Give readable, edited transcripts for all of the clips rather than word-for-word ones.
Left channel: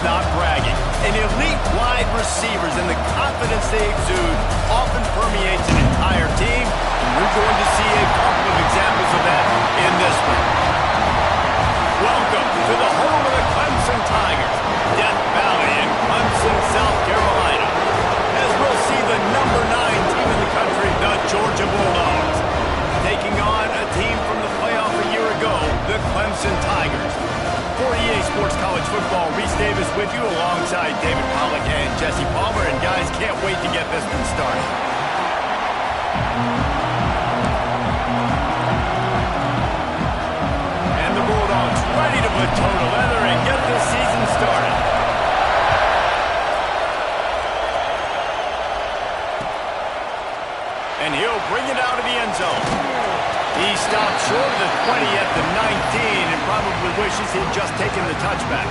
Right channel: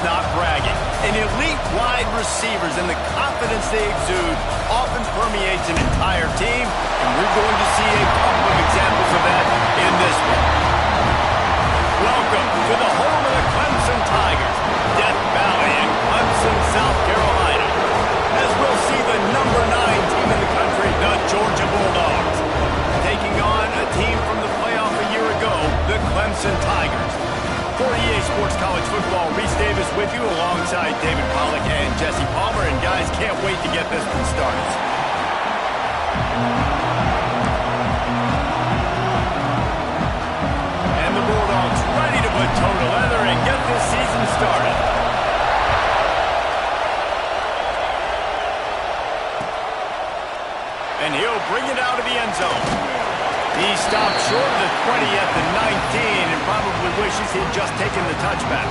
It's not bragging. And elite wide receivers and the confidence they exude often permeates an entire team, and we're going to see a couple of examples of that in this one. Welcome to the home of the Clemson Tigers, Death Valley in Clemson, South Carolina, as we'll see the number 9 team in the country, the Georgia Bulldogs, taking on a team from the playoff a year ago, the Clemson Tigers. For EA Sports College Football, Reese Davis with you alongside David Pollack and Jesse Palmer. And guys, can't wait to get this one started. And the Bulldogs ready to put toe to leather and get this season started. And he'll bring it out of the end zone. He stopped short of the 20 at the 19 and probably wishes he'd just taken the touchback.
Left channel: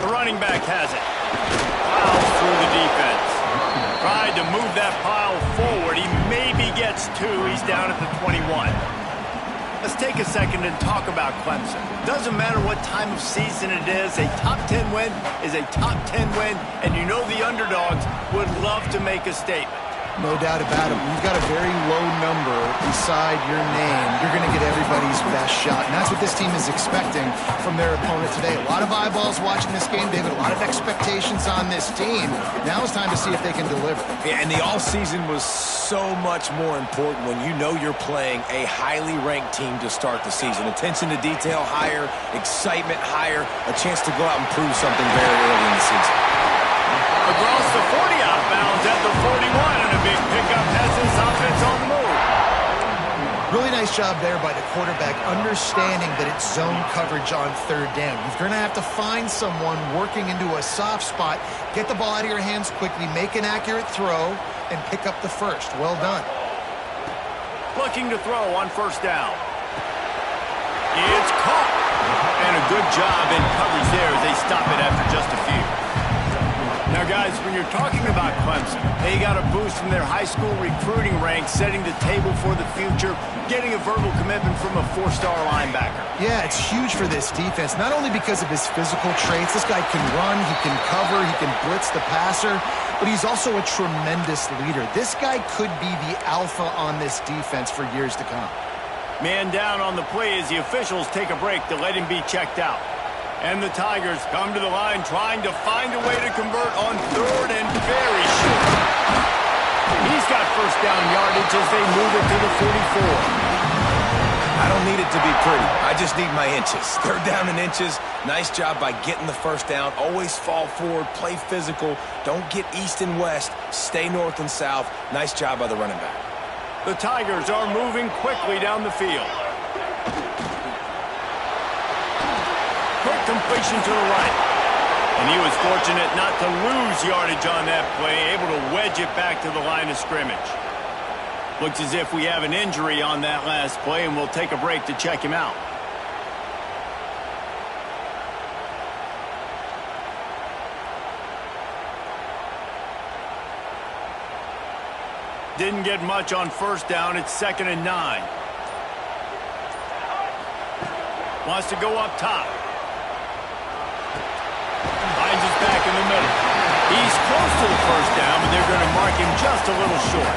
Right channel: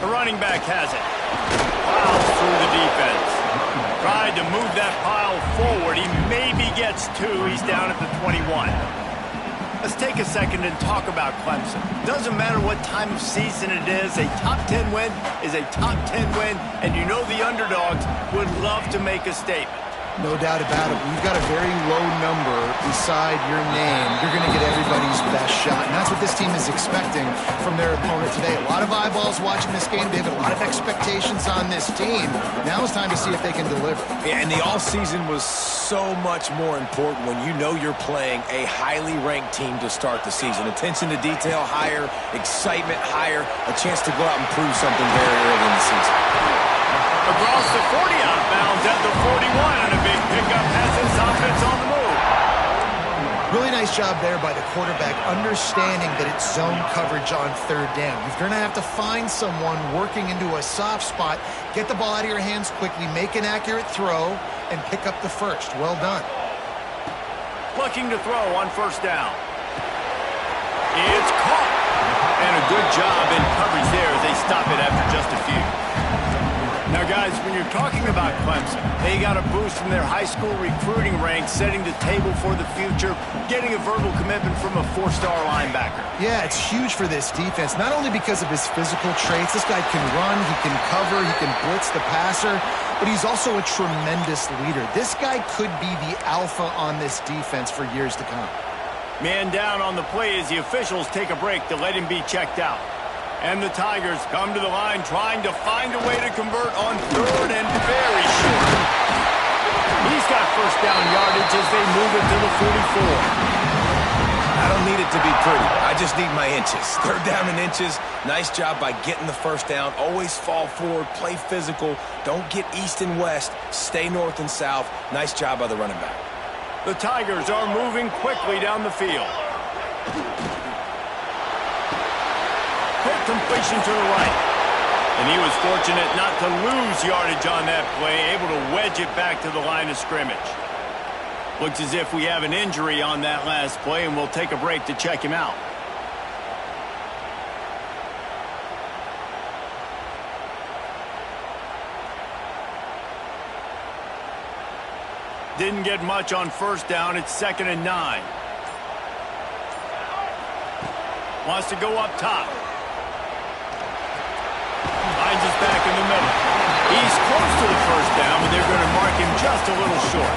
The running back has it. Plows through the defense. Tried to move that pile forward. He maybe gets 2. He's down at the 21. Let's take a second and talk about Clemson. Doesn't matter what time of season it is, a top 10 win is a top 10 win, and you know the underdogs would love to make a statement. No doubt about it. When you've got a very low number beside your name, you're going to get everybody's best shot. And that's what this team is expecting from their opponent today. A lot of eyeballs watching this game, David. A lot of expectations on this team. Now it's time to see if they can deliver. Yeah, and the all-season was so much more important when you know you're playing a highly ranked team to start the season. Attention to detail higher, excitement higher, a chance to go out and prove something very early in the season. Across the 40, out of bounds at the 41, and a big pickup has this offense on the move. Really nice job there by the quarterback, understanding that it's zone coverage on third down. You're going to have to find someone working into a soft spot, get the ball out of your hands quickly, make an accurate throw, and pick up the first. Well done. Looking to throw on first down. It's caught. And a good job in coverage there as they stop it after just a few. Now, guys, when you're talking about Clemson, they got a boost from their high school recruiting ranks, setting the table for the future, getting a verbal commitment from a 4-star linebacker. Yeah, it's huge for this defense, not only because of his physical traits. This guy can run, he can cover, he can blitz the passer, but he's also a tremendous leader. This guy could be the alpha on this defense for years to come. Man down on the play as the officials take a break to let him be checked out. And the Tigers come to the line trying to find a way to convert on third and very short. He's got first down yardage as they move it to the 44. I don't need it to be pretty. I just need my inches. Third down in inches. Nice job by getting the first down. Always fall forward, play physical. Don't get east and west. Stay north and south. Nice job by the running back. The Tigers are moving quickly down the field. Quick completion to the right. And he was fortunate not to lose yardage on that play, able to wedge it back to the line of scrimmage. Looks as if we have an injury on that last play, and we'll take a break to check him out. Didn't get much on first down. It's 2nd and 9. Wants to go up top. Finds us back in the middle. He's close to the first down, but they're going to mark him just a little short.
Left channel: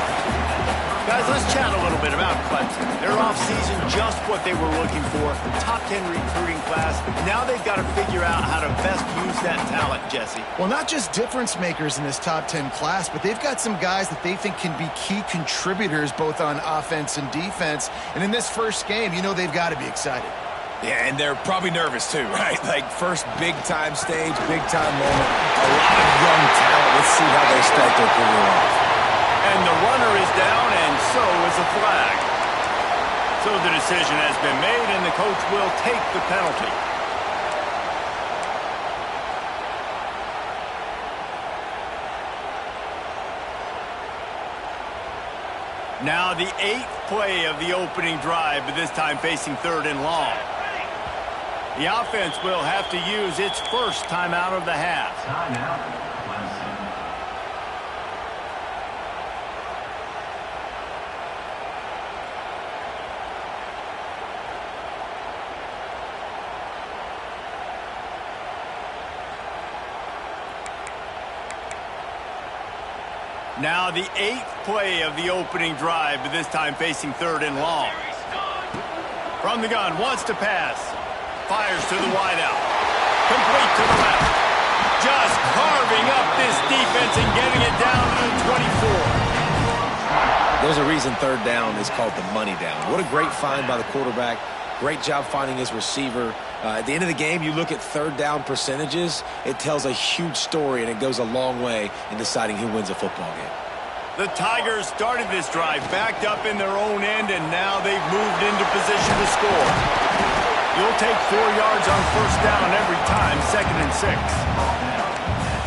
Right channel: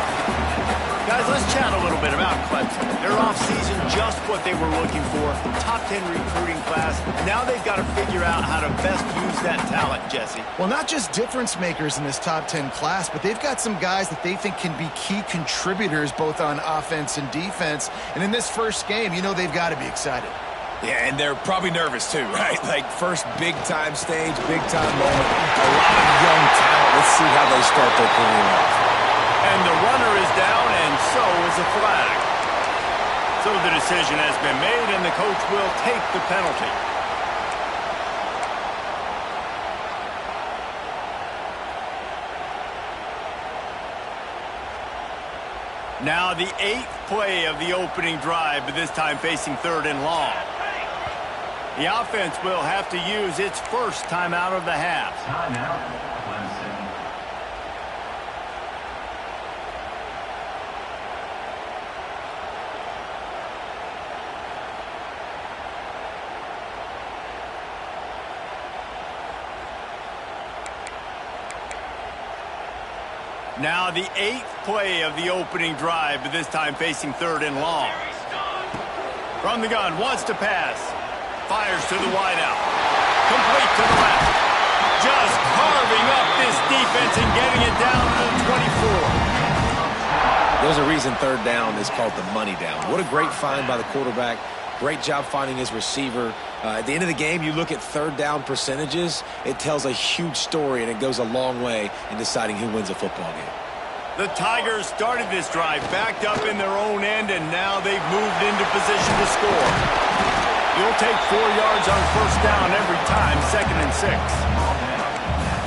Guys, let's chat a little bit about Clemson. Their offseason, just what they were looking for. Top 10 recruiting class. Now they've got to figure out how to best use that talent, Jesse. Well, not just difference makers in this top 10 class, but they've got some guys that they think can be key contributors both on offense and defense. And in this first game, you know they've got to be excited. Yeah, and they're probably nervous too, right? Like first big-time stage, big-time moment. A lot of young talent. Let's see how they start their career off. And the runner is down, and so is a flag. So the decision has been made, and the coach will take the penalty. Now the 8th play of the opening drive, but this time facing 3rd and long. The offense will have to use its first timeout of the half. Timeout, Clemson. Now the 8th play of the opening drive, but this time facing 3rd and long. From the gun, wants to pass. Fires to the wideout. Complete to the left. Just carving up this defense and getting it down to the 24. There's a reason 3rd down is called the money down. What a great find by the quarterback. Great job finding his receiver. At the end of the game, you look at 3rd down percentages. It tells a huge story, and it goes a long way in deciding who wins a football game. The Tigers started this drive backed up in their own end, and now they've moved into position to score. You'll take 4 yards on 1st down every time, 2nd and 6.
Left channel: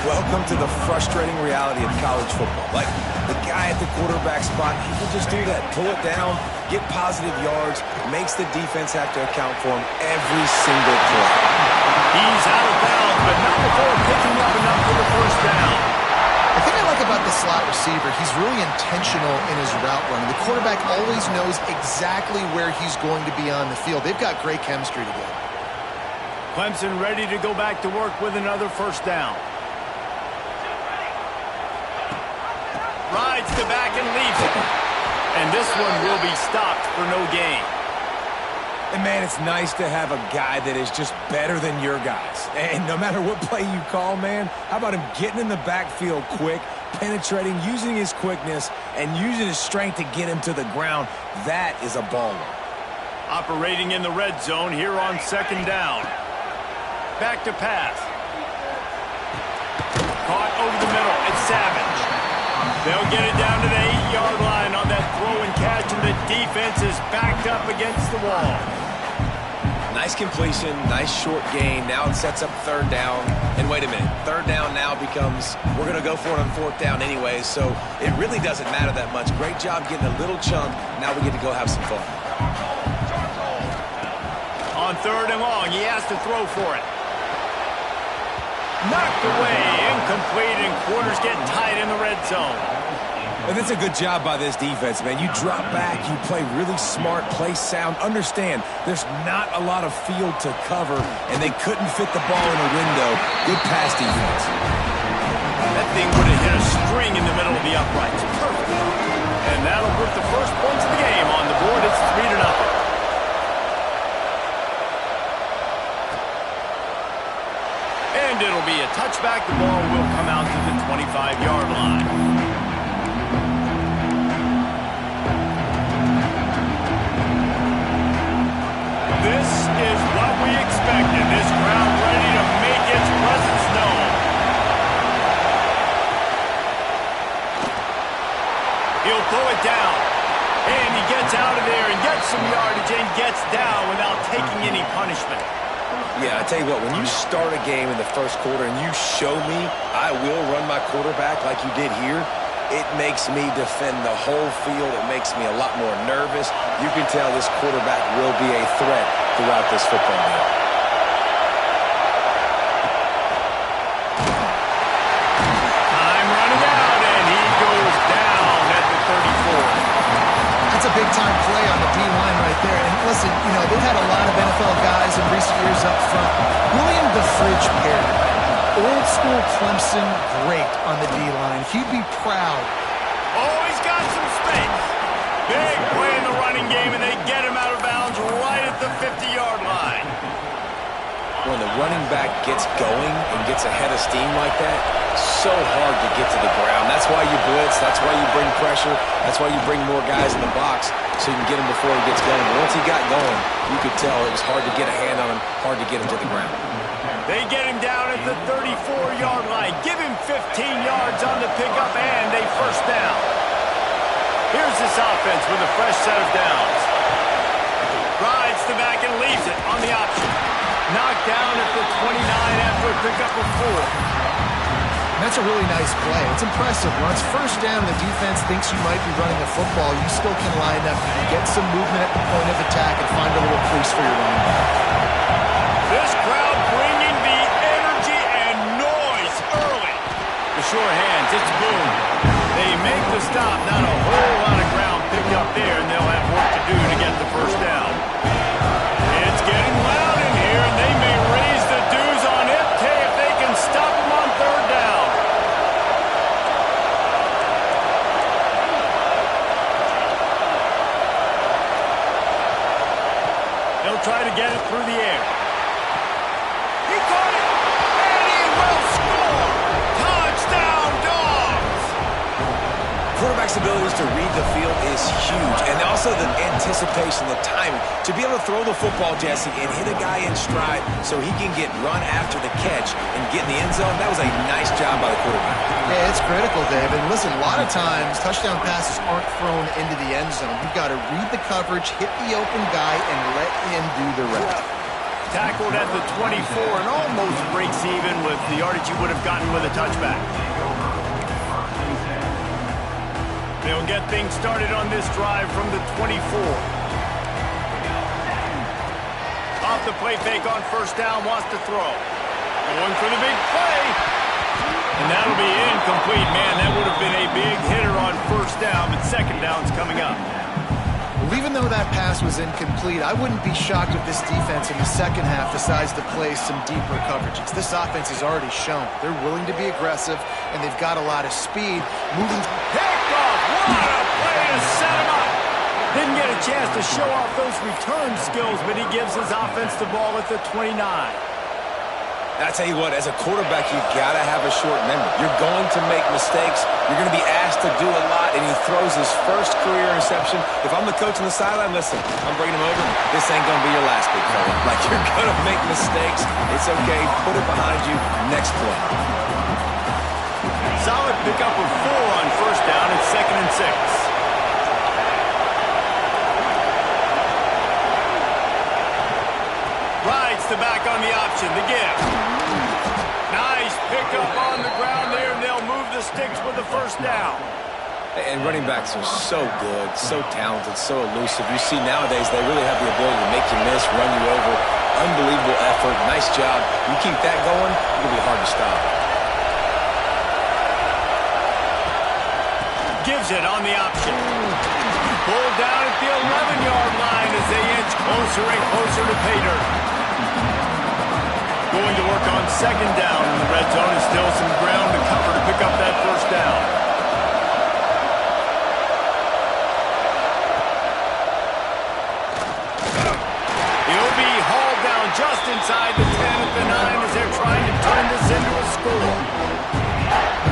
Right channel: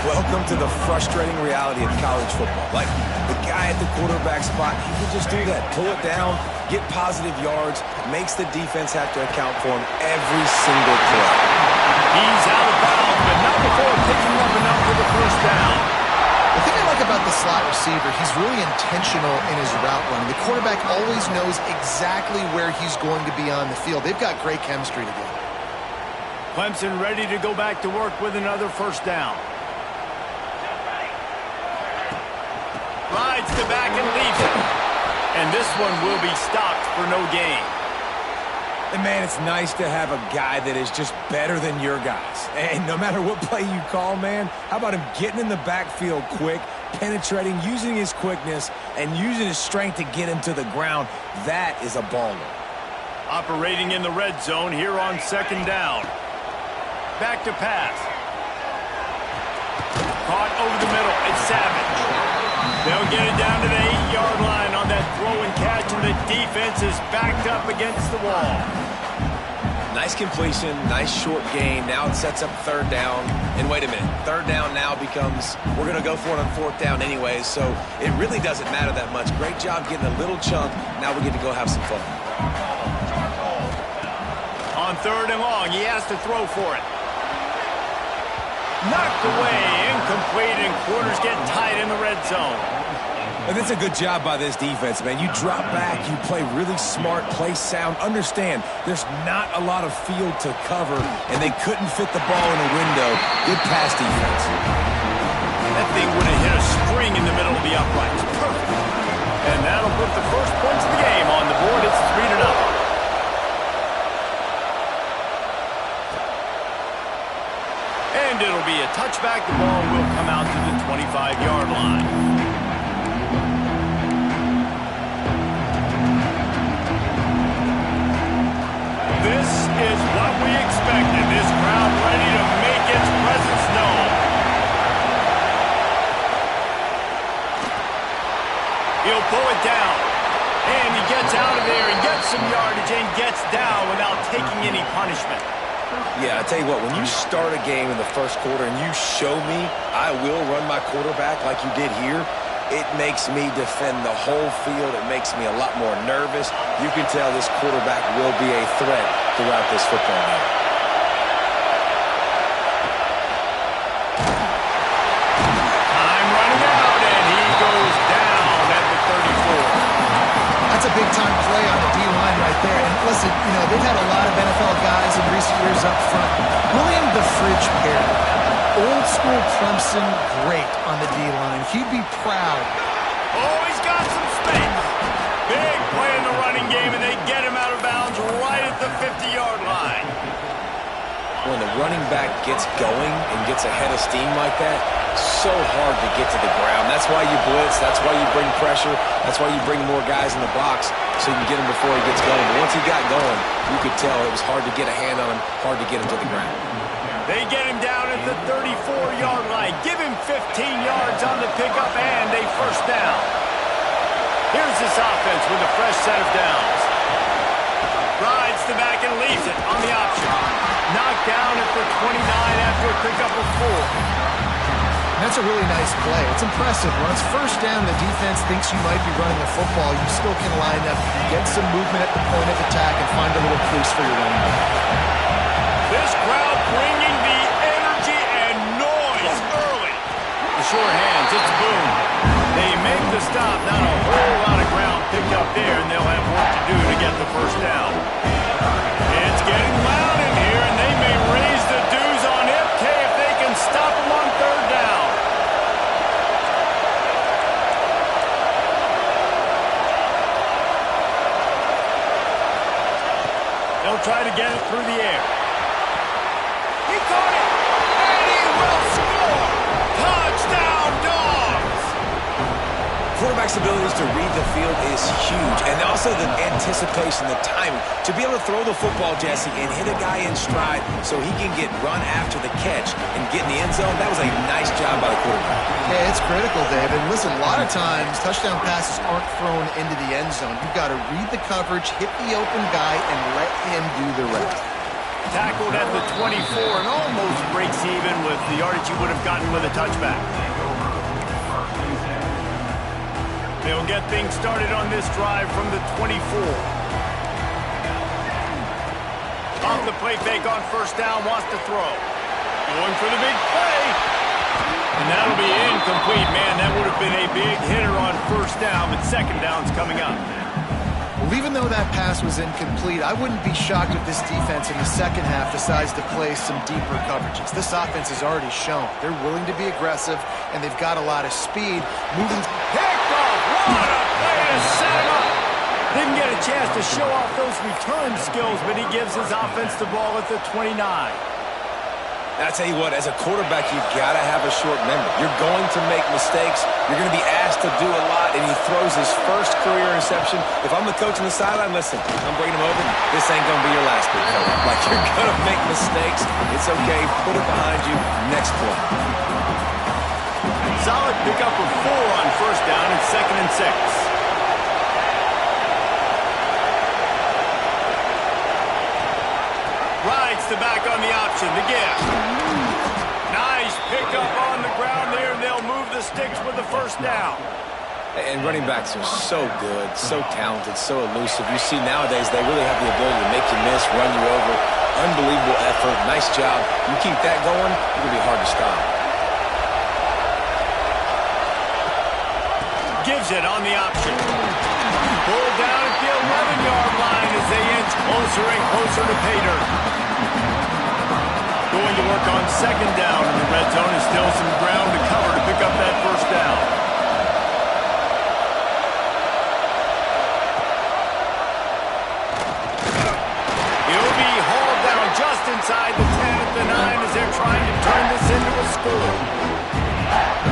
Welcome to the frustrating reality of college football. Like, the guy at the quarterback spot, he can just do that. Pull it down, get positive yards, makes the defense have to account for him every single play. He's out of bounds, but not before picking up enough for the 1st down. The thing I like about the slot receiver, he's really intentional in his route running. The quarterback always knows exactly where he's going to be on the field. They've got great chemistry together. Clemson ready to go back to work with another 1st down. Rides the back and leaves it. And this one will be stopped for no gain. And, man, it's nice to have a guy that is just better than your guys. And no matter what play you call, man, how about him getting in the backfield quick, penetrating, using his quickness, and using his strength to get him to the ground? That is a baller. Operating in the red zone here on 2nd down. Back to pass. Caught over the middle. It's Savage. They'll get it down to the 8-yard line on that throw and catch, and the defense is backed up against the wall. Nice completion, nice short gain. Now it sets up 3rd down. And wait a minute, 3rd down now becomes, we're going to go for it on 4th down anyways, so it really doesn't matter that much. Great job getting a little chunk. Now we get to go have some fun. On 3rd and long, he has to throw for it. Knocked away, incomplete, and quarters get tight in the red zone. And it's a good job by this defense, man. You drop back, you play really smart, play sound. Understand, there's not a lot of field to cover, and they couldn't fit the ball in a window. Good pass defense. That thing would have hit a string in the middle of the uprights. Perfect. And that'll put the first points of the game on the board. It's 3-0. And it'll be a touchback. The ball will come out to the 25-yard line. This is what we expected. This crowd ready to make its presence known. He'll pull it down. And he gets out of there and gets some yardage and gets down without taking any punishment. Yeah, I tell you what, when you start a game in the 1st quarter and you show me I will run my quarterback like you did here, it makes me defend the whole field. It makes me a lot more nervous. You can tell this quarterback will be a threat throughout this football game. Time running out, and he goes down at the 34. That's a big-time play on the D-line right there. And listen, you know, they've had a lot of NFL guys in recent years up front. William the Fridge Perry, old-school Clemson great on the D-line. He'd be proud. Oh, he's got some space. Big play in the running game, and they get him out of bounds right at the 50-yard line. When the running back gets going and gets ahead of steam like that, so hard to get to the ground. That's why you blitz. That's why you bring pressure. That's why you bring more guys in the box so you can get him before he gets going. But once he got going, you could tell it was hard to get a hand on him, hard to get him to the ground. They get him down at the 34-yard line. Give him 15 yards on the pickup and a 1st down. Here's this offense with a fresh set of downs. Rides the back and leaves it on the option. Knocked down at the 29 after a pickup of 4. That's a really nice play. It's impressive. When it's 1st down, the defense thinks you might be running a football. You still can line up, you can get some movement at the point of attack and find a little crease for your running back. This crowd bringing the energy and noise early. The sure hands, it's Boone. They make the stop. Not a whole lot of ground picked up there, and they'll have work to do to get the 1st down. It's getting loud in here, and they may raise the dues on Ipke if they can stop them on 3rd down. try to get it through the air. He caught it, and he will score! Touchdown, Dogs! Quarterback's abilities to read the field is huge, and also the anticipation, the timing. To be able to throw the football, Jesse, and hit a guy in stride so he can get run after the catch and get in the end zone, that was a nice job by the quarterback. Yeah, it's critical, David. Listen, a lot of times touchdown passes aren't thrown into the end zone. You've got to read the coverage, hit the open guy, and let him do the rest. Tackled at the 24 and almost breaks even with the yardage you would have gotten with a touchback. They'll get things started on this drive from the 24. Off the play fake on first down, wants to throw. Going for the big play. And that'll be incomplete. Man, that would have been a big hitter on first down, but second down's coming up. Well, even though that pass was incomplete, I wouldn't be shocked if this defense in the second half decides to play some deeper coverages. This offense has already shown they're willing to be aggressive, and they've got a lot of speed. Moving. Picked off. What a play to set him up. Didn't get a chance to show off those return skills, but he gives his offense the ball at the 29. I tell you what, as a quarterback, you got to have a short memory. You're going to make mistakes. You're going to be asked to do a lot, and he throws his first career interception. If I'm the coach on the sideline, listen, I'm bringing him over. This ain't going to be your last, big fella. Like, you're going to make mistakes. It's okay. Put it behind you. Next play. Solid pickup of 4 on first down and 2nd and 6. Rides the back on the option, the gift. Nice pickup on the ground there, and they'll move the sticks with the first down. And running backs are so good, so talented, so elusive. You see nowadays they really have the ability to make you miss, run you over. Unbelievable effort. Nice job. You keep that going, it's going to be hard to stop. Gives it on the option. Pulled down at the 11-yard line as they inch closer and closer to pay dirt. Going to work on second down in the red zone, and still some ground to cover to pick up that first down. He'll be hauled down just inside the 10 at the 9 as they're trying to turn this into a score.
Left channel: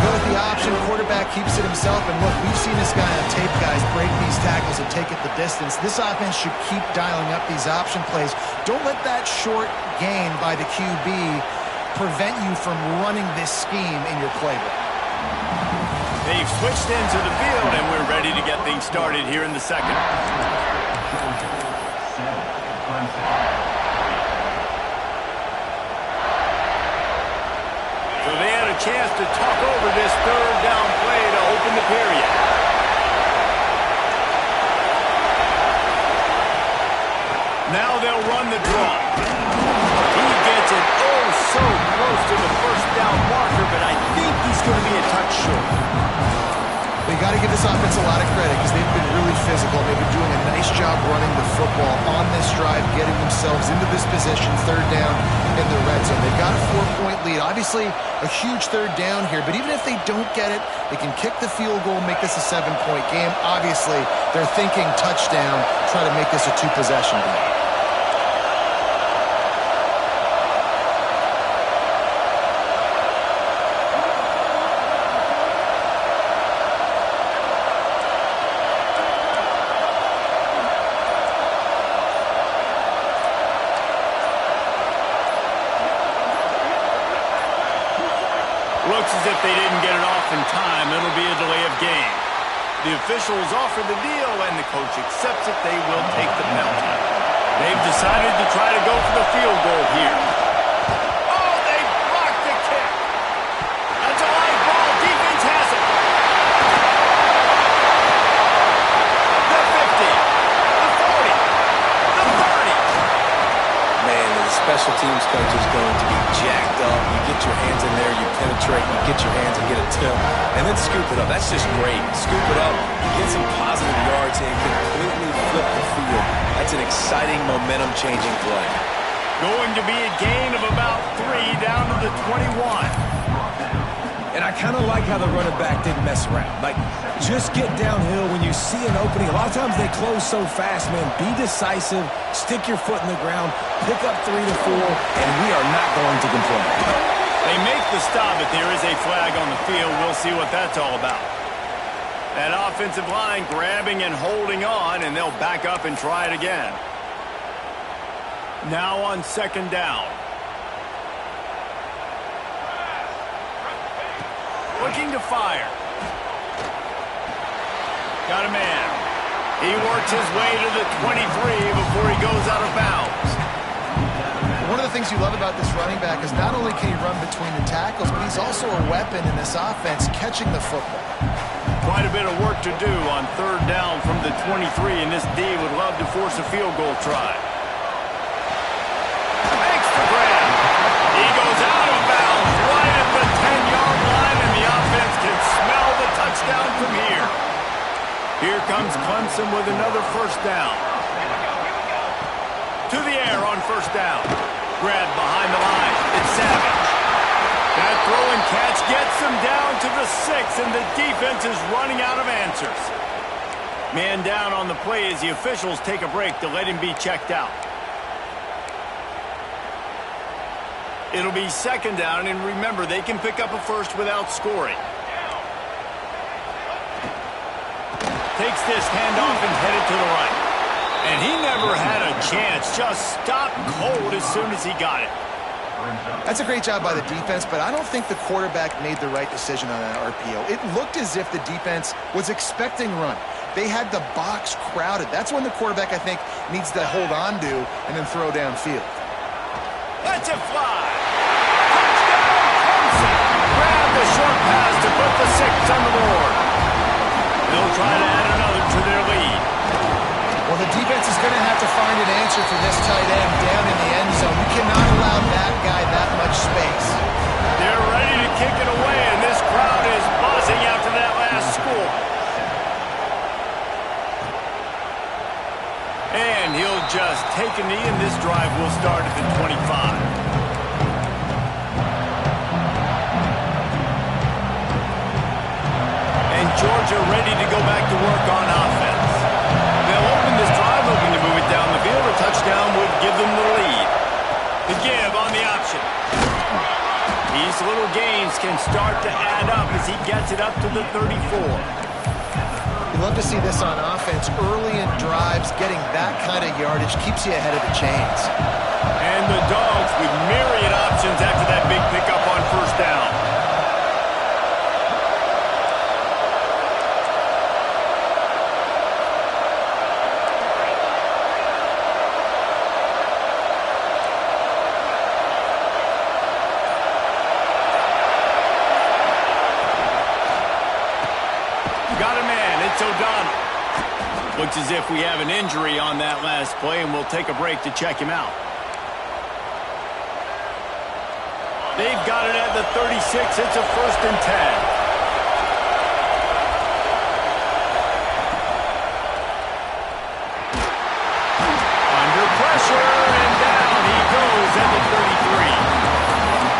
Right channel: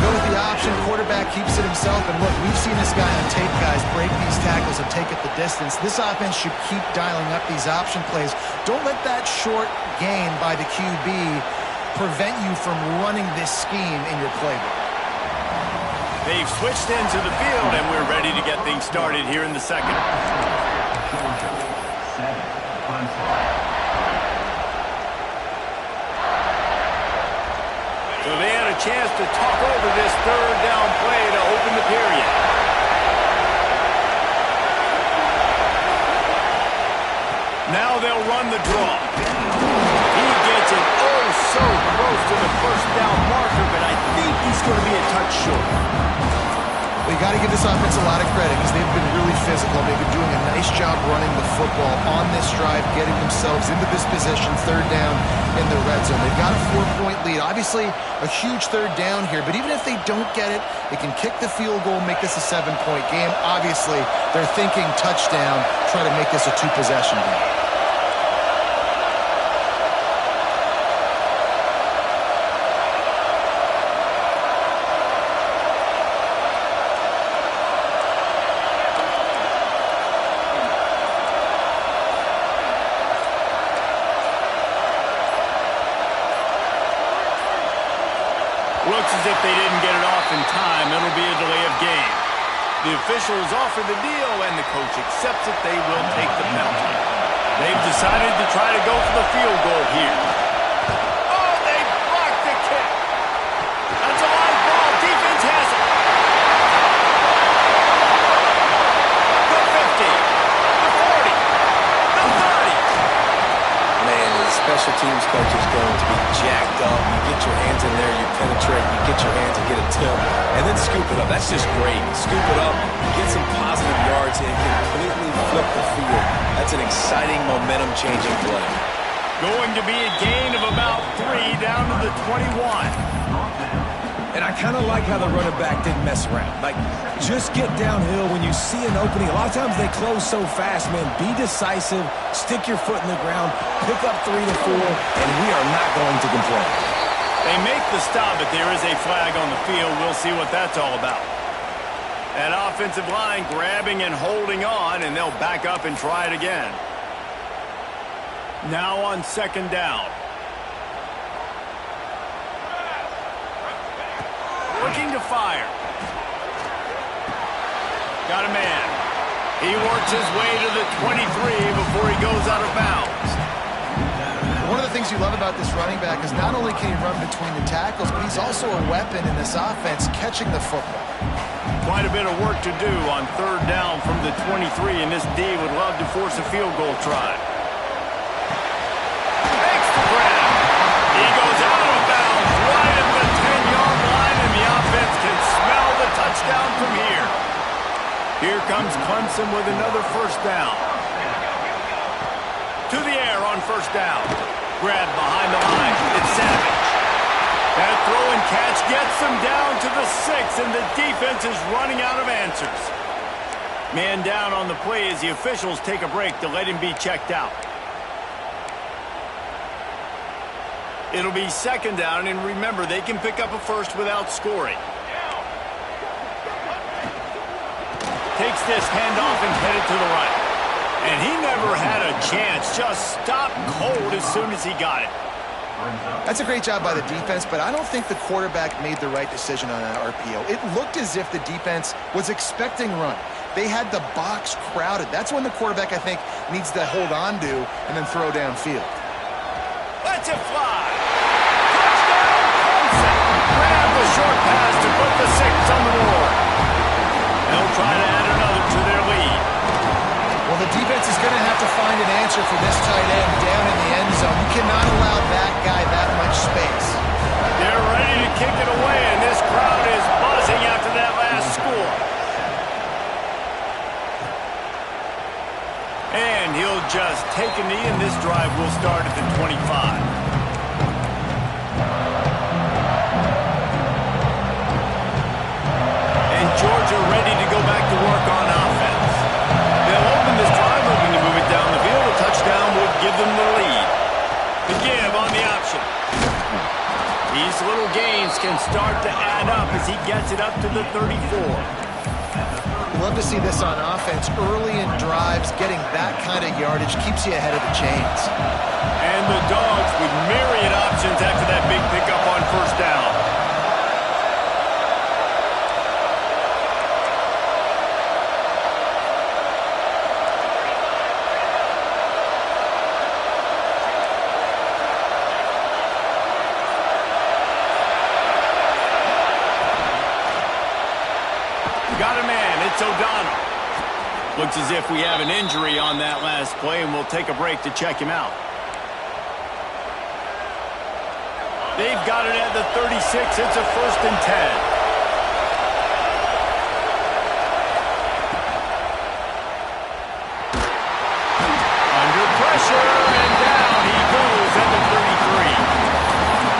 Go with the option. Quarterback keeps it himself. And look, we've seen this guy on tape, guys, break these tackles and take it the distance. This offense should keep dialing up these option plays. Don't let that short gain by the QB prevent you from running this scheme in your playbook. They've switched into the field, and we're ready to get things started here in the second. So they had a chance to talk over this third down play to open the period. Now they'll run the draw. He gets it so close to the first down marker, but I think he's going to be a touch short. Well, you got to give this offense a lot of credit because they've been really physical. They've been doing a nice job running the football on this drive, getting themselves into this position, third down in the red zone. They've got a 4-point lead. Obviously, a huge third down here, but even if they don't get it, they can kick the field goal, make this a 7-point game. Obviously, they're thinking touchdown, try to make this a 2-possession game. Looks as if they didn't get it off in time. It'll be a delay of game. The officials offer the deal, and the coach accepts it. They will take the penalty. They've decided to try to go for the field goal here. Oh, they blocked the kick. That's a live ball. Defense has it. The 50, the 40, the 30. Man, the special teams coach is going to be jacked up. You get your hands in there, you penetrate, you get your hands and get a tip, and then scoop it up. That's just great. Scoop it up, get some positive yards, and completely flip the field. That's an exciting, momentum-changing play. Going to be a gain of about 3 down to the 21. And I kind of like how the running back didn't mess around. Like, just get downhill when you see an opening. A lot of times they close so fast, man. Be decisive, stick your foot in the ground, pick up 3 to 4, and we are not going to complain. They make the stop, but there is a flag on the field. We'll see what that's all about. That offensive line grabbing and holding on, and they'll back up and try it again. Now on second down. Looking to fire. Got a man. He works his way to the 23 before he goes out of bounds. One of the things you love about this running back is not only can he run between the tackles, but he's also a weapon in this offense catching the football. Quite a bit of work to do on third down from the 23, and this D would love to force a field goal try. Makes the grab. He goes out of bounds right at the 10-yard line, and the offense can smell the touchdown from here. Here comes Clemson with another first down. To the air on first down. Grab behind the line. It's Savage. That throw and catch gets them down to the 6, and the defense is running out of answers. Man down on the play as the officials take a break to let him be checked out. It'll be second down, and remember, they can pick up a first without scoring. Takes this handoff and headed to the right. And he never had a chance, just stopped cold as soon as he got it. That's a great job by the defense, but I don't think the quarterback made the right decision on that RPO. It looked as if the defense was expecting run. They had the box crowded. That's when the quarterback, I think, needs to hold on to and then throw downfield. Let's it fly. Touchdown, Clemson. Grab the short pass to put the 6 on the board. They'll try to add another to their lead. Well, the defense is going to have to find an answer for this tight end down in the end zone. You cannot allow that guy that much space. They're ready to kick it away, and this crowd is buzzing after that last score. And he'll just take a knee, and this drive will start at the 25. And Georgia ready to go back to work on offense. They'll open this drive, hoping to move it down the field. A touchdown would give them the lead. The give on the option. These little gains can start to add up as he gets it up to the 34. You love to see this on offense. Early in drives, getting that kind of yardage keeps you ahead of the chains. And the Dogs with myriad options after that big pickup on first down. Got a man, it's O'Donnell. Looks as if we have an injury on that last play, and we'll take a break to check him out. They've got it at the 36. It's a 1st and 10. Under pressure, and down he goes at the 33.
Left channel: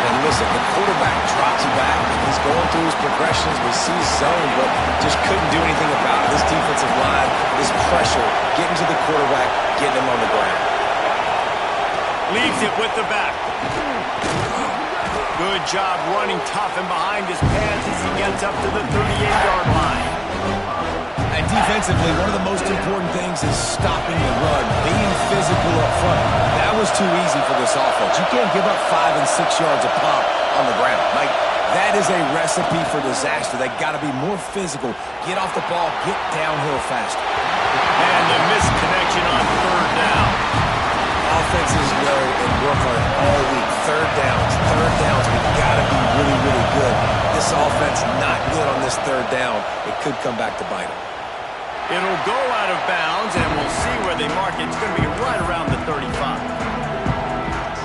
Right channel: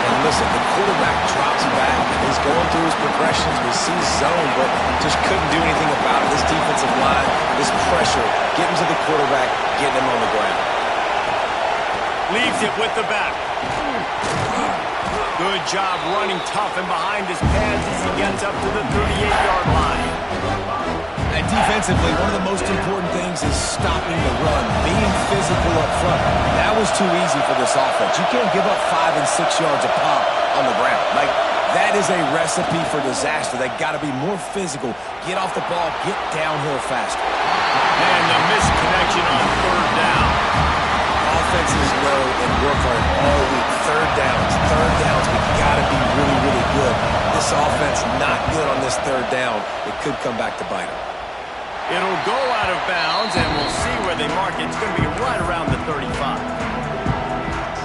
And listen, the quarterback drops back. He's going through his progressions. We see zone, but just couldn't do anything about it. This defensive line, this pressure, getting to the quarterback, getting him on the ground. Leaves it with the back. Good job running tough and behind his pads as he gets up to the 38-yard line. And defensively, one of the most important things is stopping the run, being physical up front. That was too easy for this offense. You can't give up 5 and 6 yards a pop on the ground. Like, that is a recipe for disaster. They got to be more physical, get off the ball, get downhill faster. And the misconnection on third down. Offenses know and work on it all week. Third downs. We got to be really, really good. This offense not good on this third down. It could come back to bite them. It'll go out of bounds, and we'll see where they mark it. It's going to be right around the 35.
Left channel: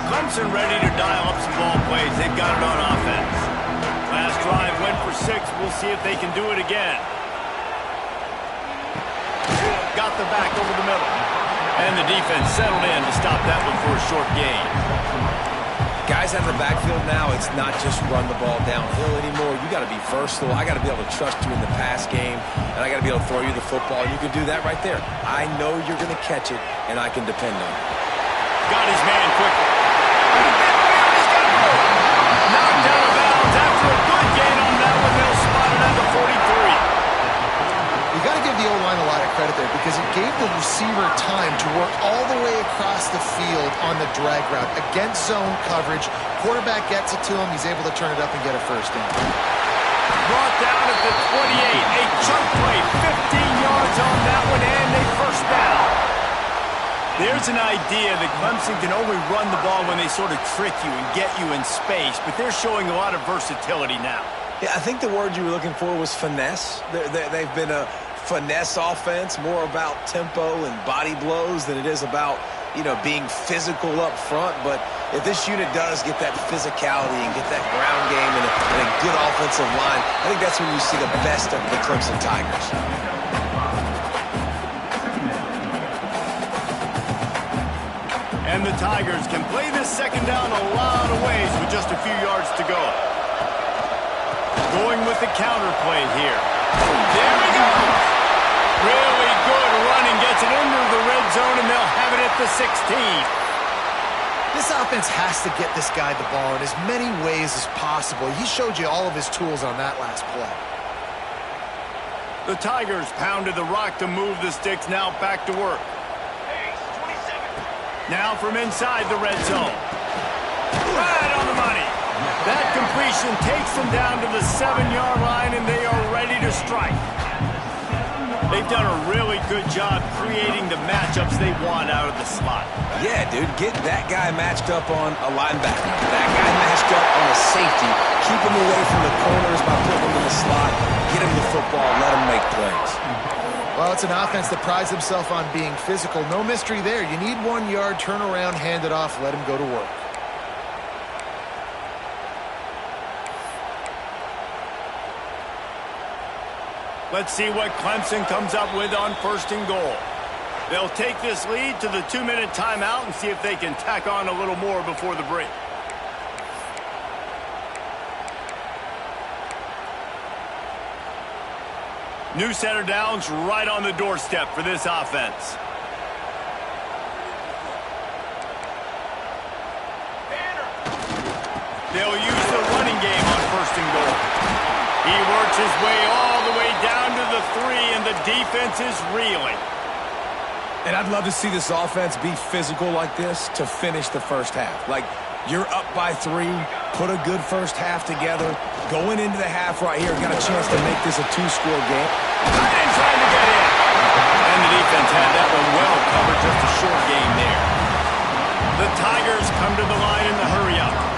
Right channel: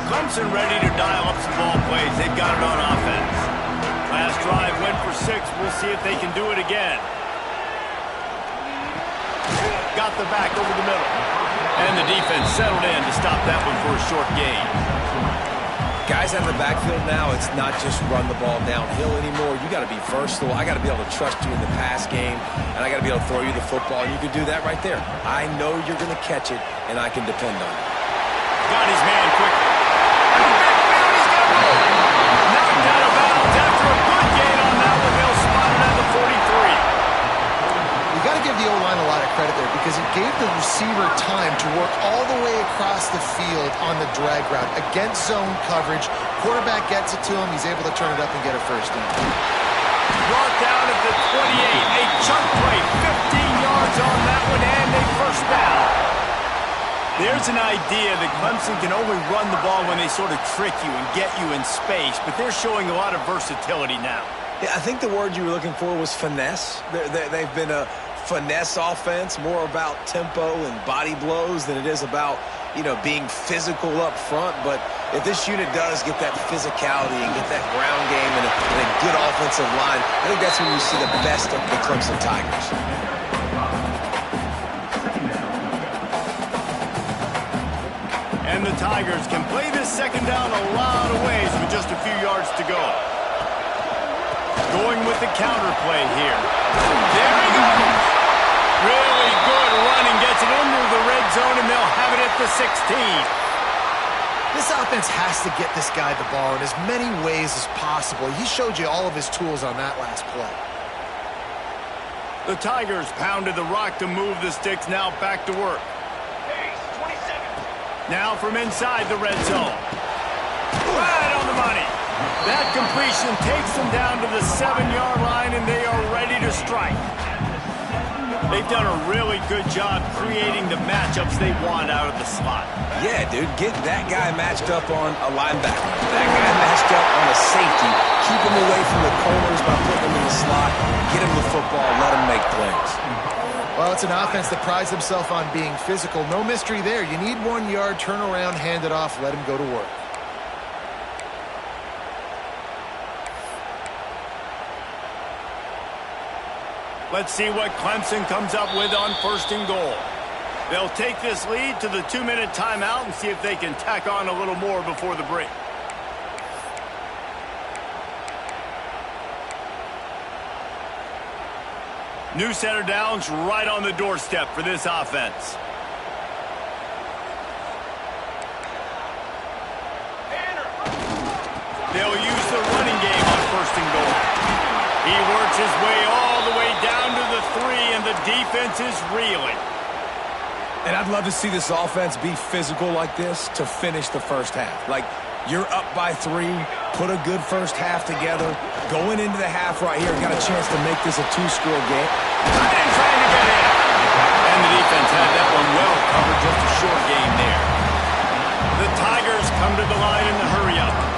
Clemson ready to dial up some ball plays. They've got it on offense. Last drive went for 6. We'll see if they can do it again. Got the back over the middle. And the defense settled in to stop that one for a short gain. Guys out of the backfield now, it's not just run the ball downhill anymore. You got to be versatile. I got to be able to trust you in the pass game, and I got to be able to throw you the football, and you can do that right there. I know you're going to catch it, and I can depend on it. Got his man quickly. He's got room. Knocked out of bounds after a good gain on that one. They'll spot it at the 43. You got to give the O-line a lot of credit there because it gave the receiver time to work all the way across the field on the drag route against zone coverage. Quarterback gets it to him. He's able to turn it up and get a first down. Brought down at the 28. A chunk play, 15 yards on that one, and a first down. There's an idea that Clemson can only run the ball when they sort of trick you and get you in space, but they're showing a lot of versatility now. Yeah, I think the word you were looking for was finesse. They've been a finesse offense, more about tempo and body blows than it is about, being physical up front. But if this unit does get that physicality and get that ground game and a good offensive line, I think that's when you see the best of the Clemson Tigers. And the Tigers can play this second down a lot of ways with just a few yards to go. Going with the counter play here. There he goes. Really good running. Gets it into the red zone, and they'll have it at the 16. This offense has to get this guy the ball in as many ways as possible. He showed you all of his tools on that last play. The Tigers pounded the rock to move the sticks. Now back to work. Now from inside the red zone. Right on the money. That completion takes them down to the 7-yard line, and they are ready to strike. They've done a really good job creating the matchups they want out of the slot. Yeah, dude, get that guy matched up on a linebacker. That guy matched up on a safety. Keep him away from the corners by putting him in the slot. Get him the football. Let him make plays. Well, it's an offense that prides himself on being physical. No mystery there. You need 1 yard, turn around, hand it off, let him go to work. Let's see what Clemson comes up with on 1st and goal. They'll take this lead to the 2-minute timeout and see if they can tack on a little more before the break. New center downs right on the doorstep for this offense. They'll use the running game on 1st and goal. He works his way all the way down to the 3, and the defense is reeling. And I'd love to see this offense be physical like this to finish the first half. Like, you're up by 3, put a good first half together. Going into the half right here, got a chance to make this a 2-score game. Tight end trying to get in. And the defense had that one well covered, just a short game there. The Tigers come to the line in the hurry-up.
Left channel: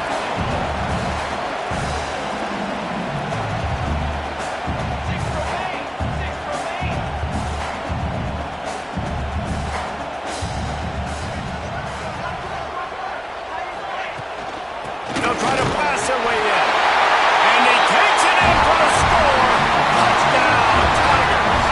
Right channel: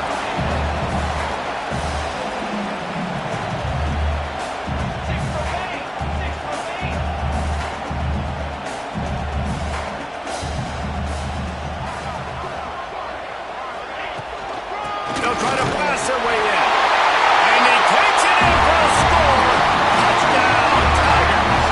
Try to pass their way in. And he takes it in for a score. Touchdown, Tigers.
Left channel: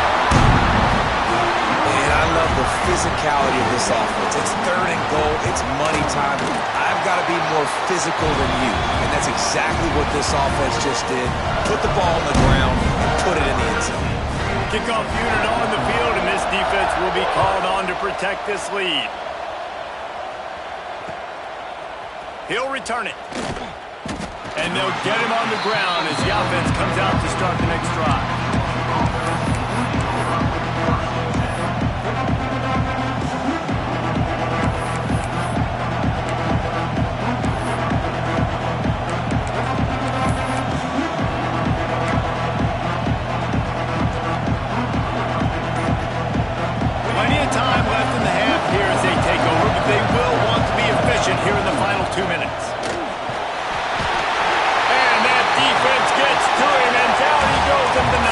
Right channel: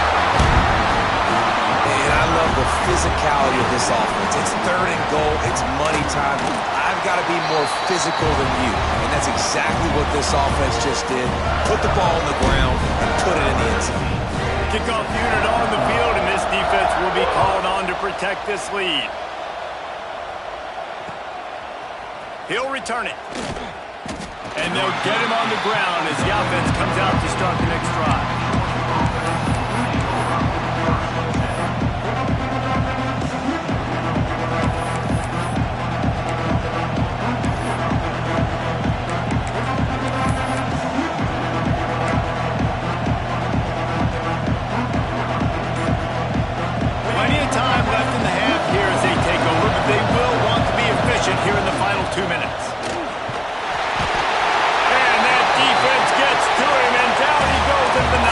And I love the physicality of this offense. It's 3rd and goal. It's money time. I've got to be more physical than you. And that's exactly what this offense just did. Put the ball on the ground and put it in the end zone. Kickoff unit on the field, and this defense will be called on to protect this lead. He'll return it. And they'll get him on the ground as the offense comes out to start the next drive. Plenty of time left in the half here as they take over, but they will want to be efficient here in the final 2 minutes. Defense gets to him, and down he goes at the 9.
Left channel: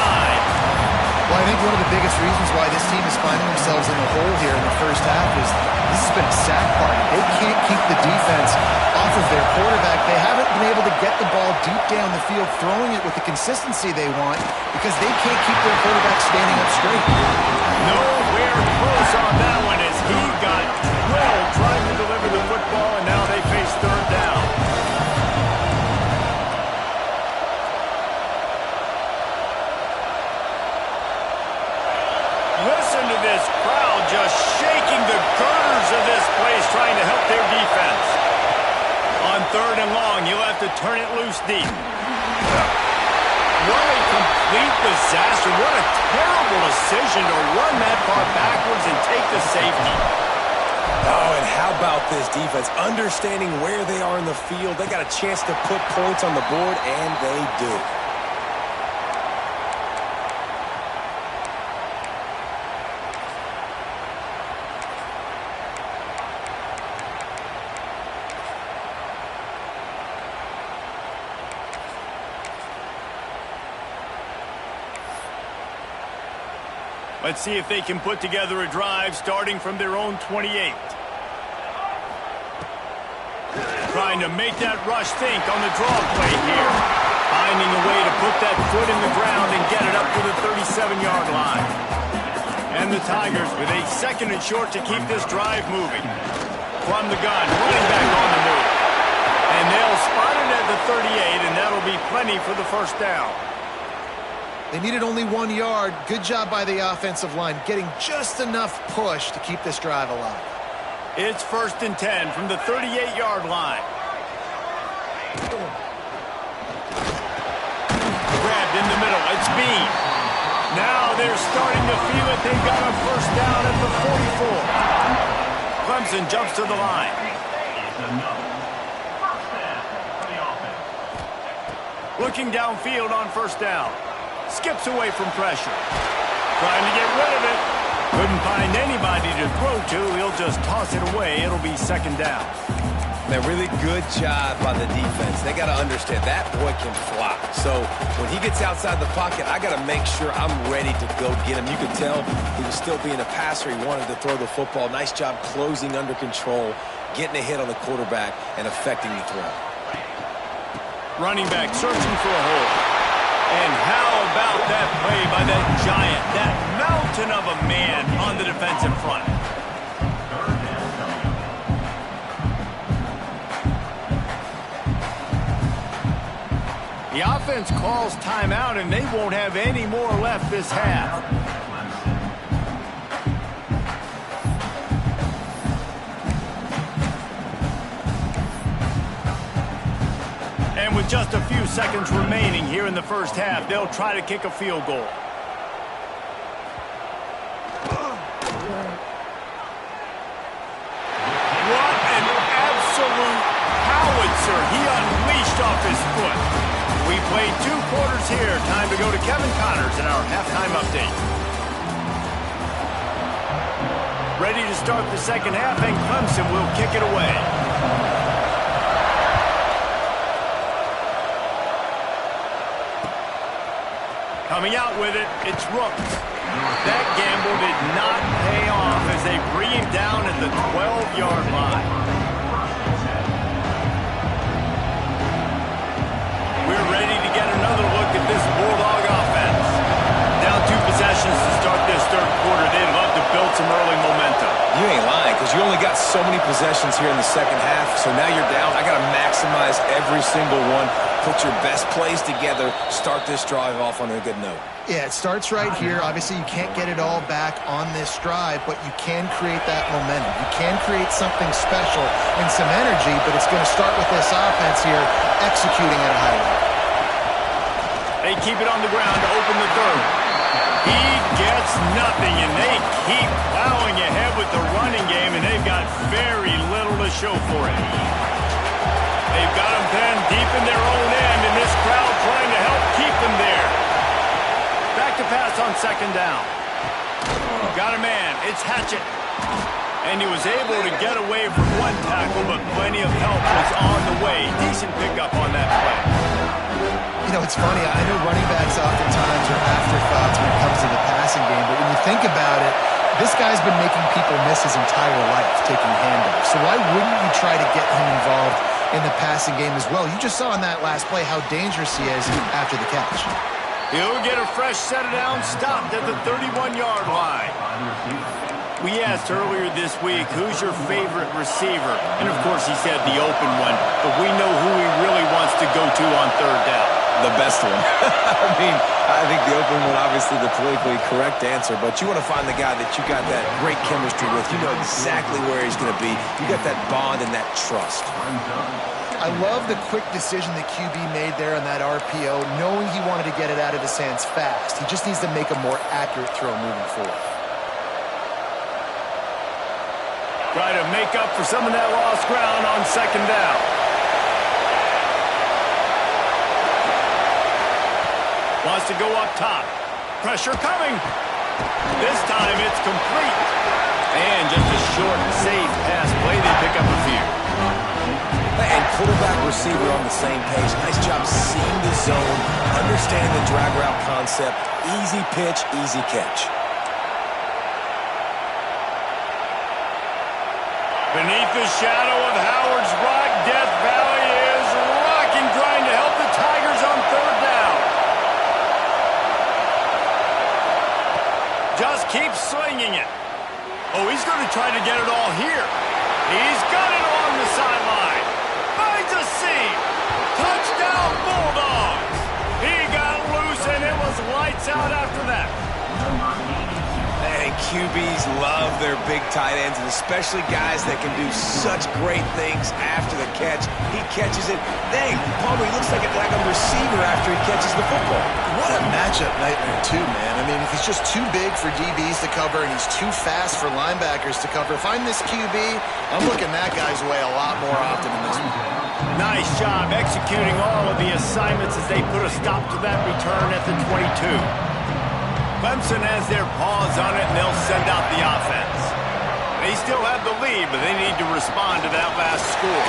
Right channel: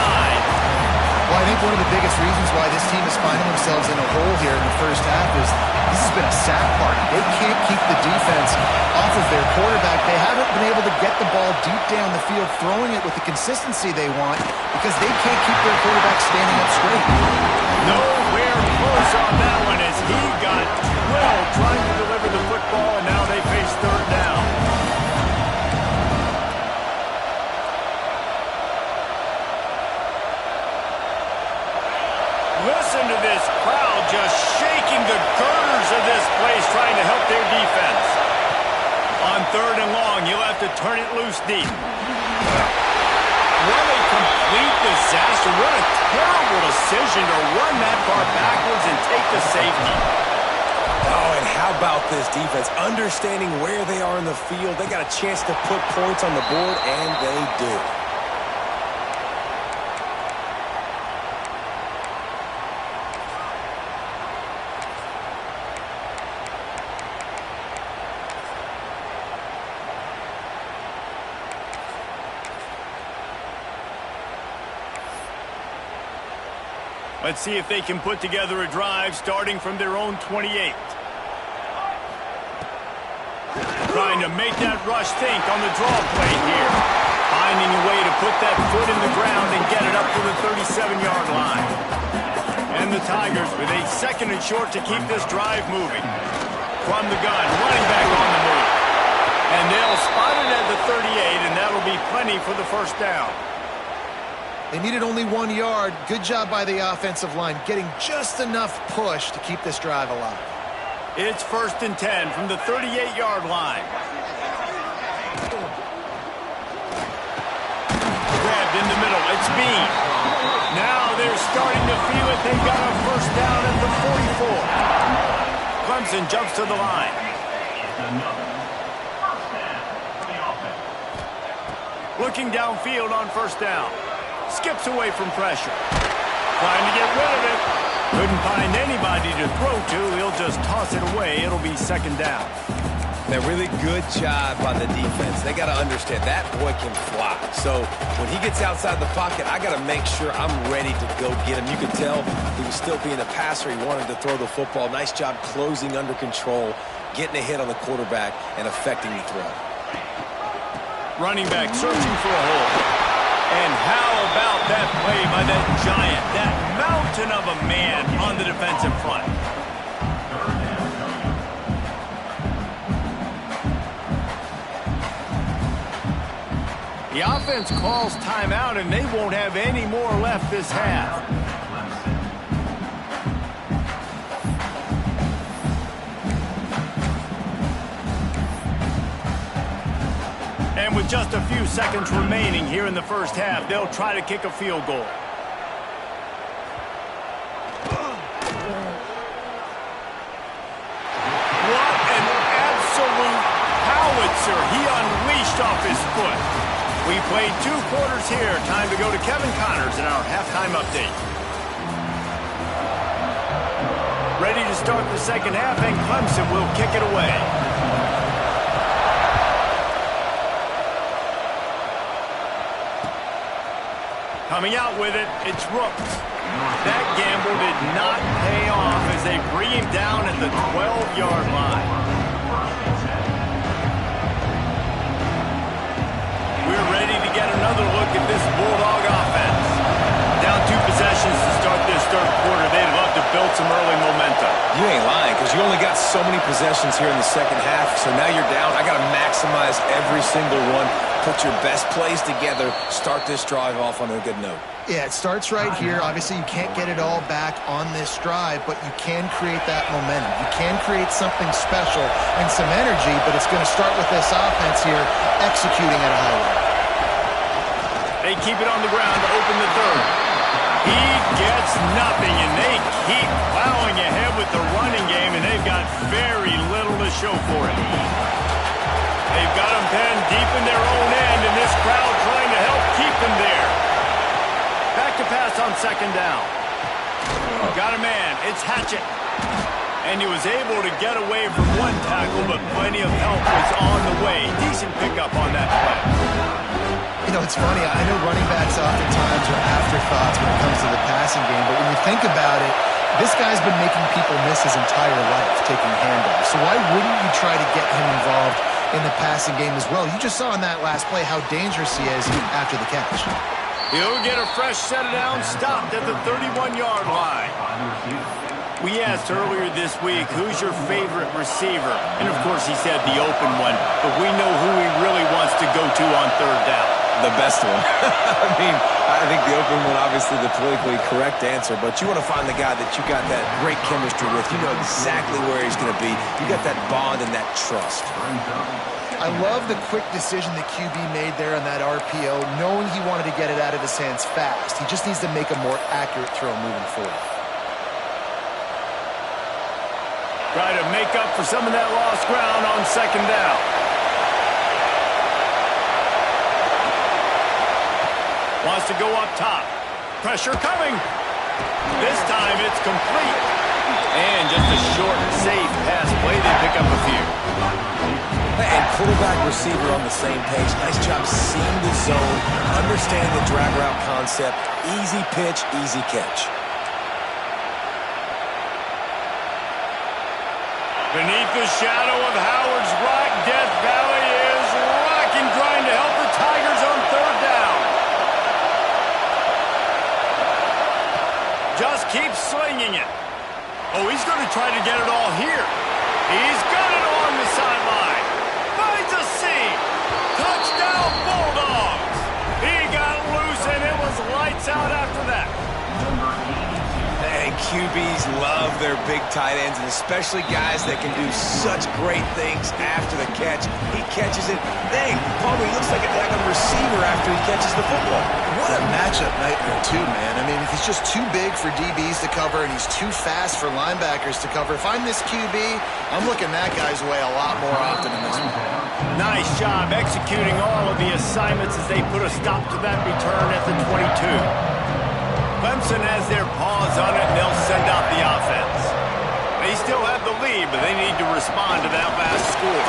Well, I think one of the biggest reasons why this team is finding themselves in a hole here in the first half is this has been a sack party. They can't keep the defense off of their quarterback. They haven't been able to get the ball deep down the field, throwing it with the consistency they want because they can't keep their quarterback standing up straight. Nowhere close on that one as he got drilled trying to deliver the football, and now they face 3rd down. Listen to this crowd just shaking the girders of this place trying to help their defense. On 3rd and long, you'll have to turn it loose deep. What a complete disaster. What a terrible decision to run that far backwards and take the safety. Oh, and how about this defense? Understanding where they are in the field. They got a chance to put points on the board, and they do. Let's see if they can put together a drive starting from their own 28. Trying to make that rush think on the draw play here. Finding a way to put that foot in the ground and get it up to the 37-yard line. And the Tigers with a 2nd and short to keep this drive moving. From the gun, running back on the move. And they'll spot it at the 38, and that'll be plenty for the 1st down. They needed only 1 yard. Good job by the offensive line, getting just enough push to keep this drive alive. It's 1st and 10 from the 38-yard line. Grabbed in the middle. It's Bean. Now they're starting to feel it. They've got a 1st down at the 44. Clemson jumps to the line. Looking downfield on 1st down. Skips away from pressure. Trying to get rid of it. Couldn't find anybody to throw to. He'll just toss it away. It'll be 2nd down. A really good job by the defense. They got to understand that boy can fly. So when he gets outside the pocket, I got to make sure I'm ready to go get him. You could tell he was still being a passer. He wanted to throw the football. Nice job closing under control, getting a hit on the quarterback, and affecting the throw. Running back searching for a hole. And how about that play by that giant, that mountain of a man on the defensive front? The offense calls timeout, and they won't have any more left this half. And with just a few seconds remaining here in the 1st half, they'll try to kick a field goal. What an absolute howitzer he unleashed off his foot. We played 2 quarters here. Time to go to Kevin Connors in our halftime update. Ready to start the 2nd half, and Clemson will kick it away. Coming out with it, it's Rooks. That gamble did not pay off as they bring him down at the 12-yard line. We're ready to get another look at this Bulldog offense. Down 2 possessions to start this 3rd quarter. They'd love to build some early momentum. You ain't lying, because you only got so many possessions here in the 2nd half, so now you're down. I got to maximize every single one. Put your best plays together. Start this drive off on a good note. Yeah, it starts right here. Obviously, you can't get it all back on this drive, but you can create that momentum. You can create something special and some energy, but it's going to start with this offense here executing at a high level. They keep it on the ground to open the 3rd. He gets nothing, and they keep plowing ahead with the running game, and they've got very little to show for it. They've got them pinned deep in their own end, and this crowd trying to help keep them there. Back to pass on 2nd down. Got a man. It's Hatchett. And he was able to get away from 1 tackle, but plenty of help was on the way. Decent pickup on that play. You know, it's funny. I know running backs oftentimes are afterthoughts when it comes to the passing game, but when you think about it, this guy's been making people miss his entire life taking handoffs. So why wouldn't you try to get him involved in the passing game as well? You just saw in that last play how dangerous he is after the catch. He'll get a fresh set of down, stopped at the 31-yard line. We asked earlier this week, who's your favorite receiver? And, of course, he said the open one, but we know who he really wants to go to on 3rd down. The best one. I mean, I think the open one, obviously the politically correct answer, but you want to find the guy that you got that great chemistry with. You know exactly where he's going to be. You got that bond and that trust. I love the quick decision that QB made there on that RPO, knowing he wanted to get it out of his hands fast. He just needs to make a more accurate throw moving forward. Try to make up for some of that lost ground on second down. Wants to go up top. Pressure coming. This time it's complete. And just a short, safe pass play. They pick up a few. And quarterback receiver on the same page. Nice job seeing the zone, understanding the drag route concept. Easy pitch, easy catch. Beneath the shadow of Howard's Rock, Death Valley is rocking, trying to help the Tigers on third down. Just keeps slinging it. Oh, he's going to try to get it all here. He's got it along the sideline. Finds a seam. Touchdown, Bulldogs. He got loose, and it was lights out after that. And QBs love their big tight ends, and especially guys that can do such great things after the catch. He catches it. Dang, Palmer, he looks like a receiver after he catches the football. What a matchup nightmare, too, man. I mean, if he's just too big for DBs to cover and he's too fast for linebackers to cover, if I'm this QB, I'm looking that guy's way a lot more often in this one. Nice job executing all of the assignments as they put a stop to that return at the 22. Clemson has their paws on it, and they'll send out the offense. They still have the lead, but they need to respond to that last score.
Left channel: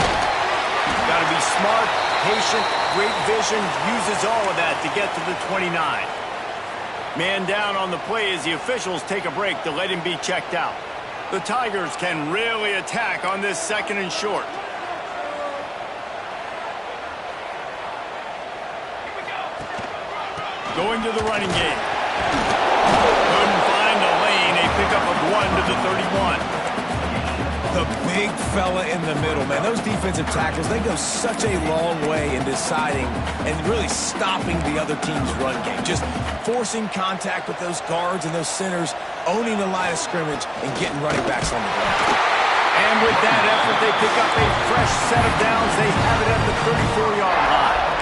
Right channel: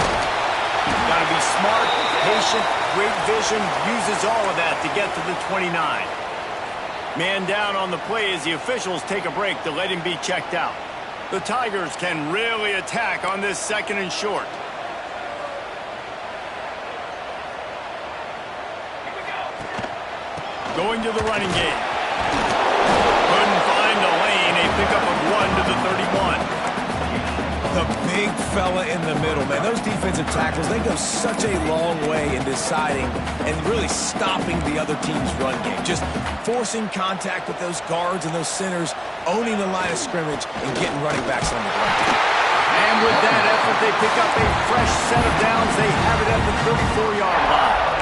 Got to be smart, patient, great vision, uses all of that to get to the 29. Man down on the play as the officials take a break to let him be checked out. The Tigers can really attack on this second and short. Going to the running game. Couldn't find a lane. A pickup of 1 to the 31. The big fella in the middle, man. Those defensive tackles, they go such a long way in deciding and really stopping the other team's run game. Just forcing contact with those guards and those centers, owning the line of scrimmage, and getting running backs on the ground. And with that effort, they pick up a fresh set of downs. They have it at the 34-yard line.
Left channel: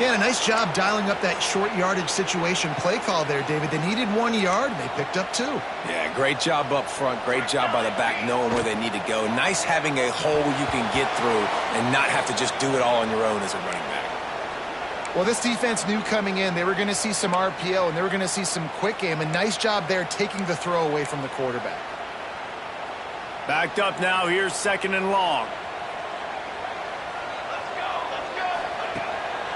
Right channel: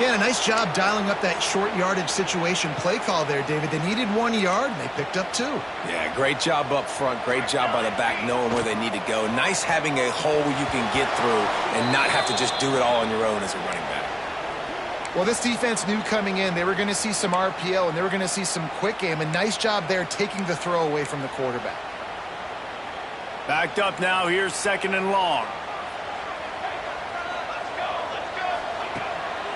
Yeah, a nice job dialing up that short yardage situation play call there, David. They needed 1 yard, and they picked up 2. Yeah, great job up front. Great job by the back knowing where they need to go. Nice having a hole you can get through and not have to just do it all on your own as a running back. Well, this defense knew coming in they were going to see some RPO, and they were going to see some quick game. A nice job there taking the throw away from the quarterback. Backed up now. Here's second and long.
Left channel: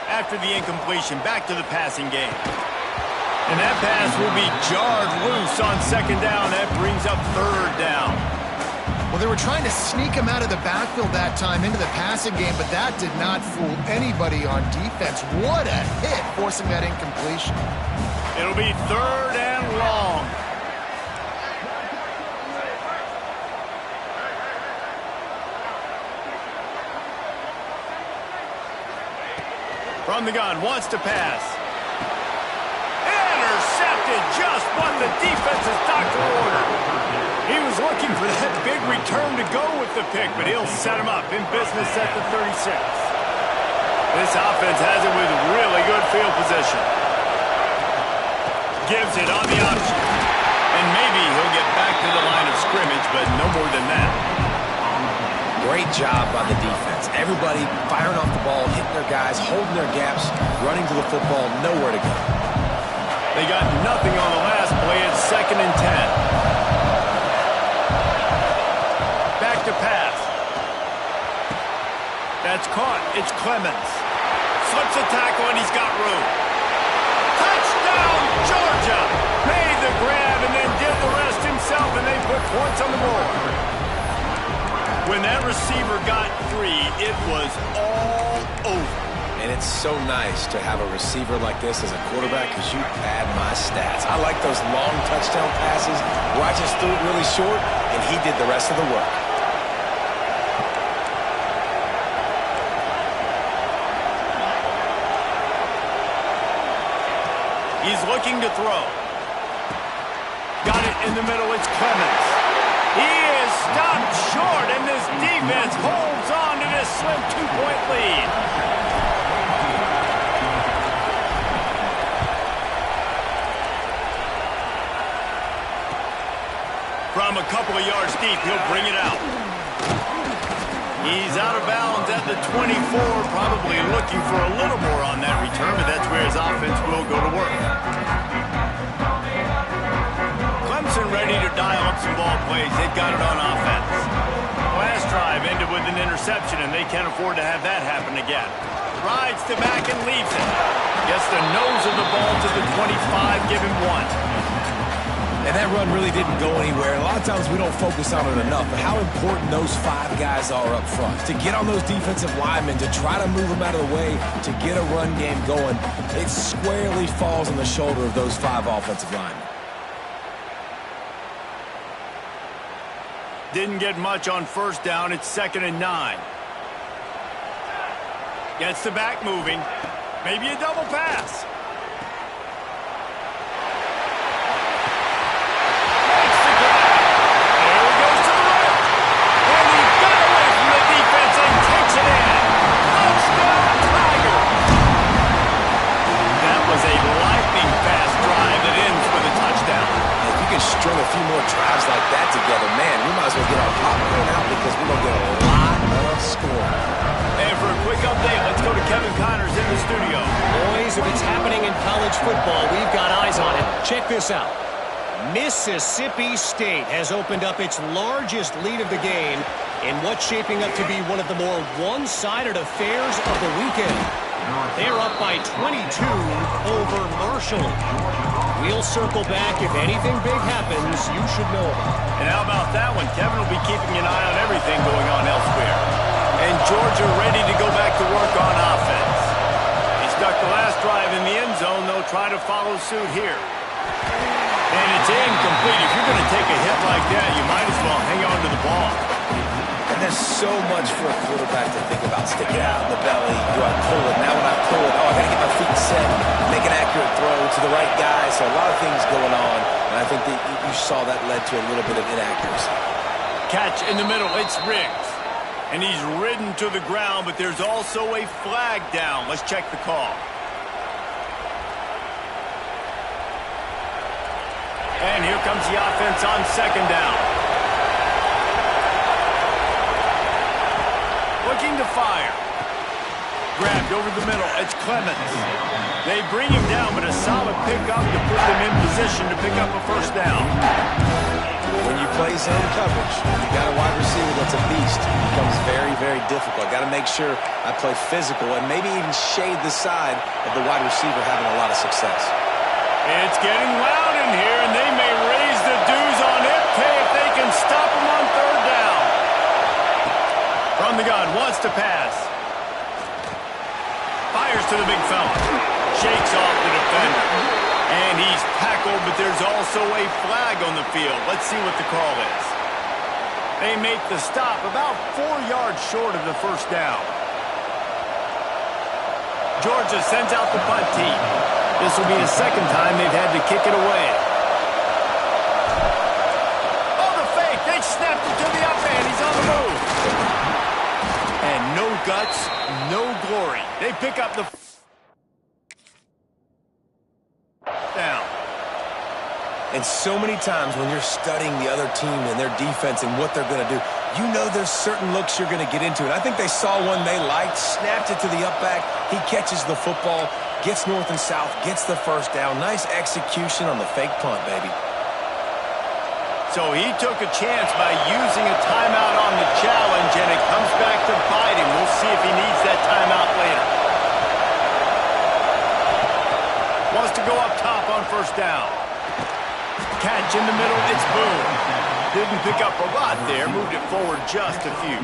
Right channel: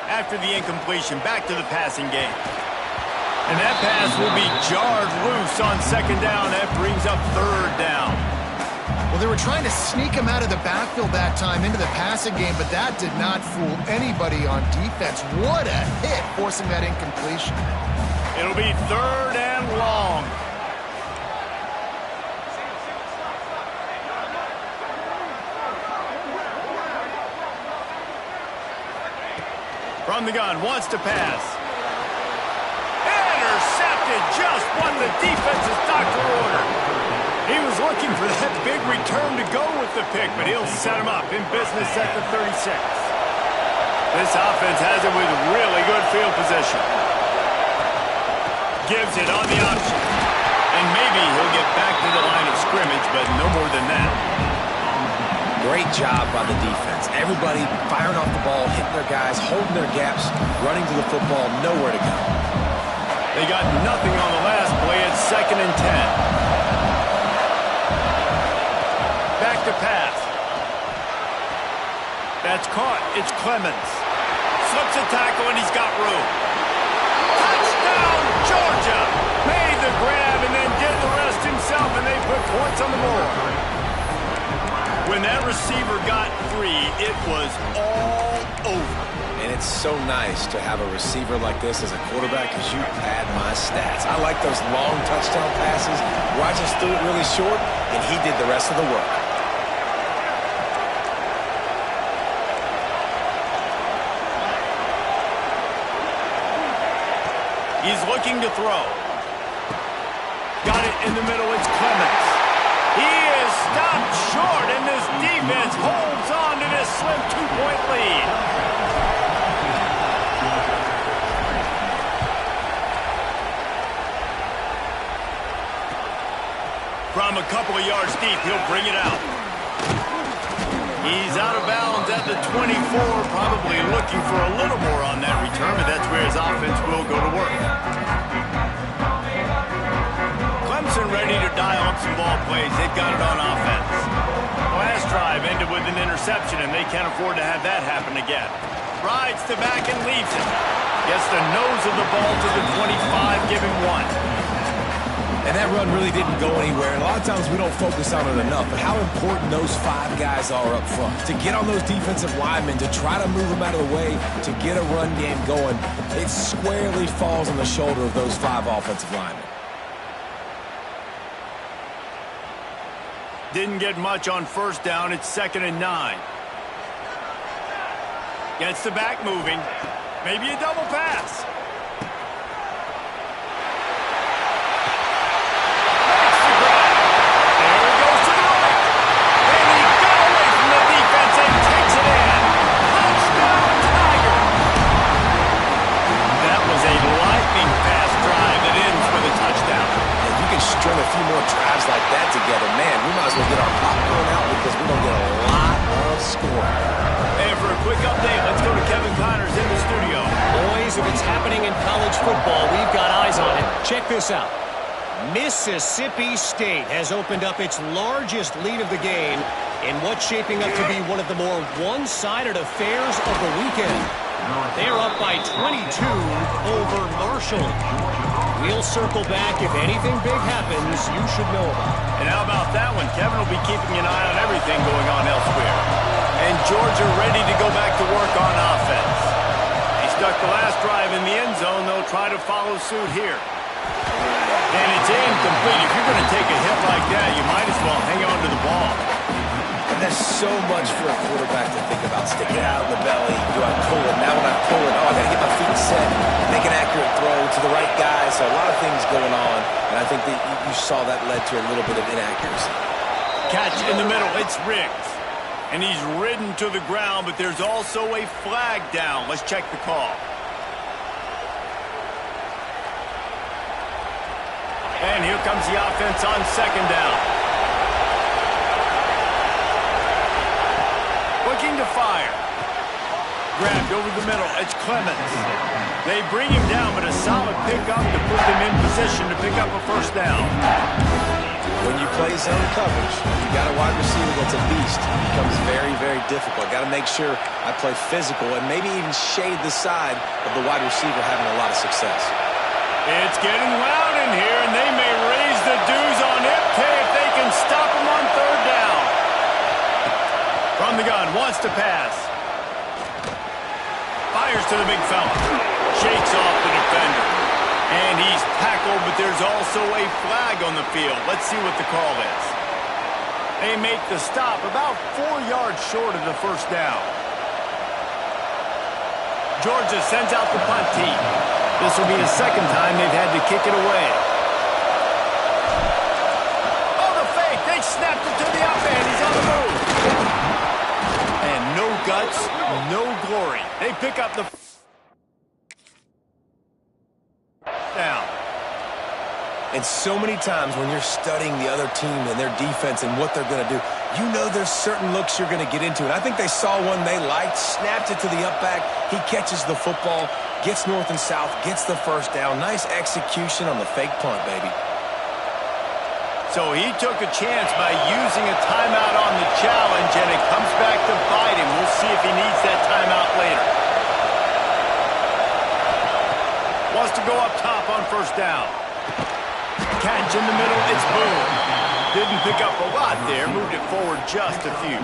After the incompletion, back to the passing game. And that pass will be jarred loose on second down. That brings up third down. Well, they were trying to sneak him out of the backfield that time into the passing game, but that did not fool anybody on defense. What a hit, forcing that incompletion. It'll be third and long. From the gun, wants to pass. Intercepted, just what the defense's doctor ordered. He was looking for that big return to go with the pick, but he'll set him up in business at the 36. This offense has it with really good field position. Gives it on the option. And maybe he'll get back to the line of scrimmage, but no more than that. Great job by the defense. Everybody firing off the ball, hitting their guys, holding their gaps, running to the football, nowhere to go. They got nothing on the last play. It's second and 10. Back to pass. That's caught. It's Clemens. Slips a tackle, and he's got room. Touchdown, Georgia! Made the grab and then did the rest himself, and they put points on the board. When that receiver got 3, it was all over. And it's so nice to have a receiver like this as a quarterback because you pad my stats. I like those long touchdown passes where I just threw it really short, and he did the rest of the work. He's looking to throw. Got it in the middle. It's Clemens. He is stopped short, and this defense holds on to this slim 2-point lead. From a couple of yards deep, he'll bring it out. He's out of bounds at the 24, probably looking for a little more on that return, but that's where his offense will go to work. Clemson ready to dial up some ball plays. They've got it on offense. Last drive ended with an interception, and they can't afford to have that happen again. Rides to back and leaves it. Gets the nose of the ball to the 25, give him 1. And that run really didn't go anywhere. And a lot of times we don't focus on it enough, but how important those 5 guys are up front. To get on those defensive linemen, to try to move them out of the way, to get a run game going, it squarely falls on the shoulder of those 5 offensive linemen. Didn't get much on first down. It's 2nd and 9. Gets the back moving. Maybe a double pass. Makes the grab. There he goes to the right. And he got away from the defense and takes it in. Touchdown, Tiger. That was a lightning fast drive that ends with a touchdown. If you can string a few more drives like that together, man, we might as well get our popcorn out because we're going to get a lot of scoring. And for a quick update, let's go to Kevin Connors in the studio. Boys, if it's happening in college football, we've got eyes on it. Check this out. Mississippi State has opened up its largest lead of the game in what's shaping up to be one of the more one-sided affairs of the weekend. They're up by 22 over Marshall. We'll circle back. If anything big happens, you should know about it. And how about that one? Kevin will be keeping an eye on everything going on elsewhere. And Georgia ready to go back to work on offense. He stuck the last drive in the end zone. They'll try to follow suit here. And it's incomplete. If you're going to take a hit like that, you might as well hang on to the ball. And there's so much for a quarterback to think about. Sticking out in the belly. Do I pull it? Now when I pull it, I got to get my feet set. Make an accurate throw to the right guy. So a lot of things going on. And I think that you saw that led to a little bit of inaccuracy. Catch in the middle. It's Riggs. And he's ridden to the ground, but there's also a flag down. Let's check the call. And here comes the offense on 2nd down. Looking to fire. Grabbed over the middle. It's Clemens. They bring him down, but a solid pickup to put them in position to pick up a first down. When you play zone coverage, you got a wide receiver that's a beast. It becomes very, very difficult. Got to make sure I play physical and maybe even shade the side of the wide receiver having a lot of success. It's getting loud in here, and they may raise the dues on Ipke if they can stop him on 3rd down. From the gun, wants to pass. Fires to the big fella. Shakes off the defender. And he's tackled, but there's also a flag on the field. Let's see what the call is. They make the stop about 4 yards short of the first down. Georgia sends out the punt team. This will be the 2nd time they've had to kick it away. Oh, the fake. They snapped it to the up end. He's on the move. And no guts, no glory. They pick up the down. And so many times when you're studying the other team and their defense and what they're going to do, you know there's certain looks you're going to get into. And I think they saw one they liked, snapped it to the up back. He catches the football, gets north and south, gets the first down. Nice execution on the fake punt, baby. So he took a chance by using a timeout on the challenge, and it comes back to bite him. We'll see if he needs that timeout later. Wants to go up top on first down. Catch in the middle, it's Boone. Didn't pick up a lot there, moved it forward just a few.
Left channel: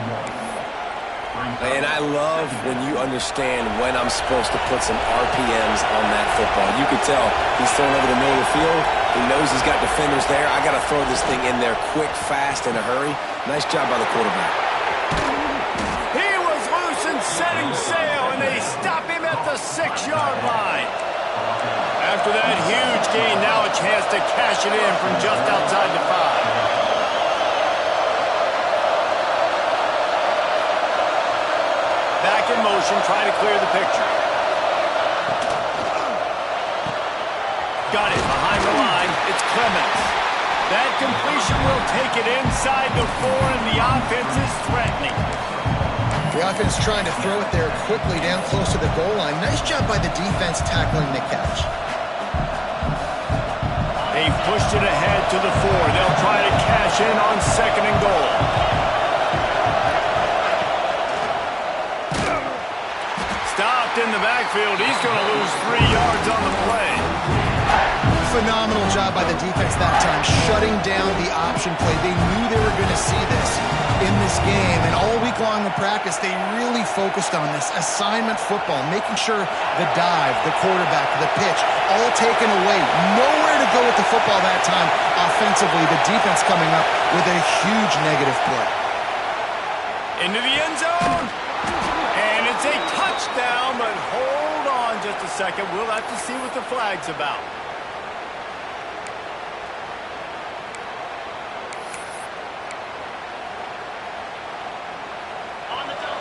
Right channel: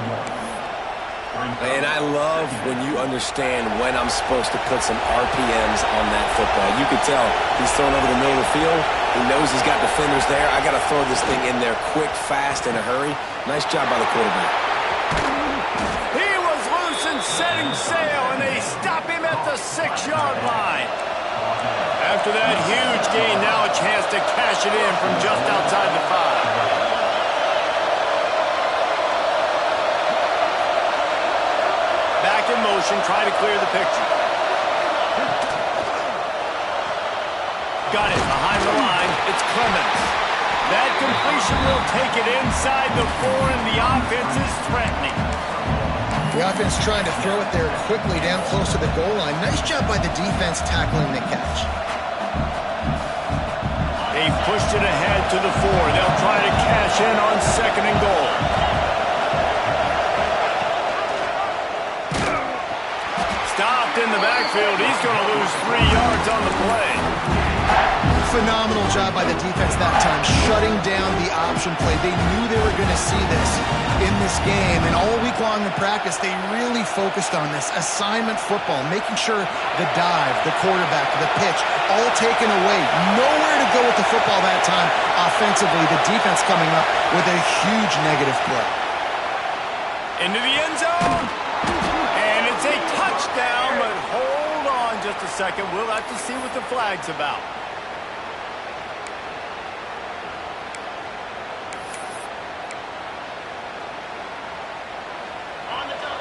And I love when you understand when I'm supposed to put some RPMs on that football. You can tell he's throwing over the middle of the field. He knows he's got defenders there. I got to throw this thing in there quick, fast, in a hurry. Nice job by the quarterback. He was loose and setting sail, and they stop him at the 6-yard line. After that huge gain, now a chance to cash it in from just outside the 5. Back in motion, trying to clear the picture. Got it behind the line. It's Clemens. That completion will take it inside the 4, and the offense is threatening. The offense trying to throw it there quickly down close to the goal line. Nice job by the defense tackling the catch. They've pushed it ahead to the 4. They'll try to cash in on 2nd and goal. Stopped in the backfield. He's going to lose 3 yards on the play. Phenomenal job by the defense that time, shutting down the option play. They knew they were going to see this in this game, and all week long in practice, they really focused on this assignment football, making sure the dive, the quarterback, the pitch, all taken away. Nowhere to go with the football that time offensively. The defense coming up with a huge negative play. Into the end zone. And it's a touchdown, but hold on just a second. We'll have to see what the flag's about.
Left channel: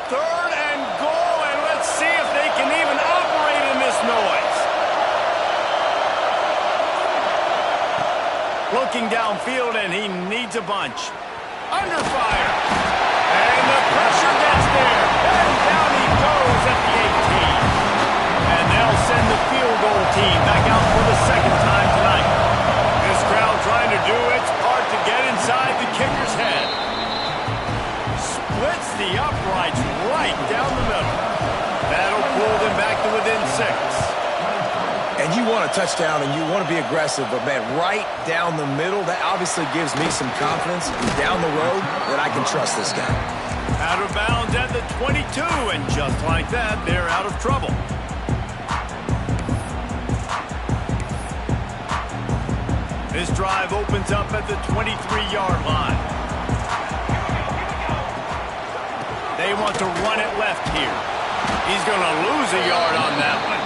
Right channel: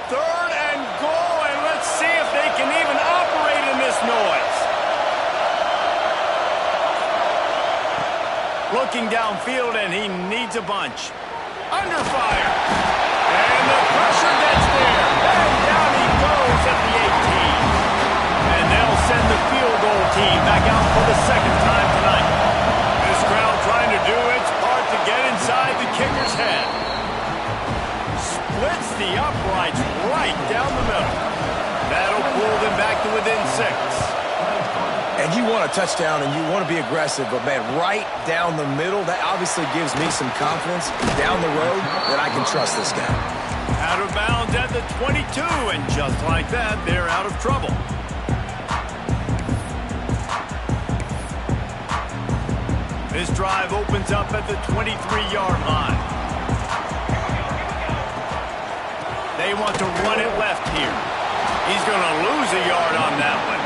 Third and goal, and let's see if they can even operate in this noise. Looking downfield, and he needs a bunch. Under fire. And the pressure gets there. And down he goes at the 18. And they'll send the field goal team back out for the 2nd time tonight. This crowd trying to do its part to get inside the kicker's head. Splits the uprights right down the middle. That'll pull them back to within 6. And you want a touchdown and you want to be aggressive, but man, right down the middle, that obviously gives me some confidence down the road that I can trust this guy. Out of bounds at the 22, and just like that, they're out of trouble. This drive opens up at the 23-yard line. They want to run it left here. He's going to lose a yard on that one.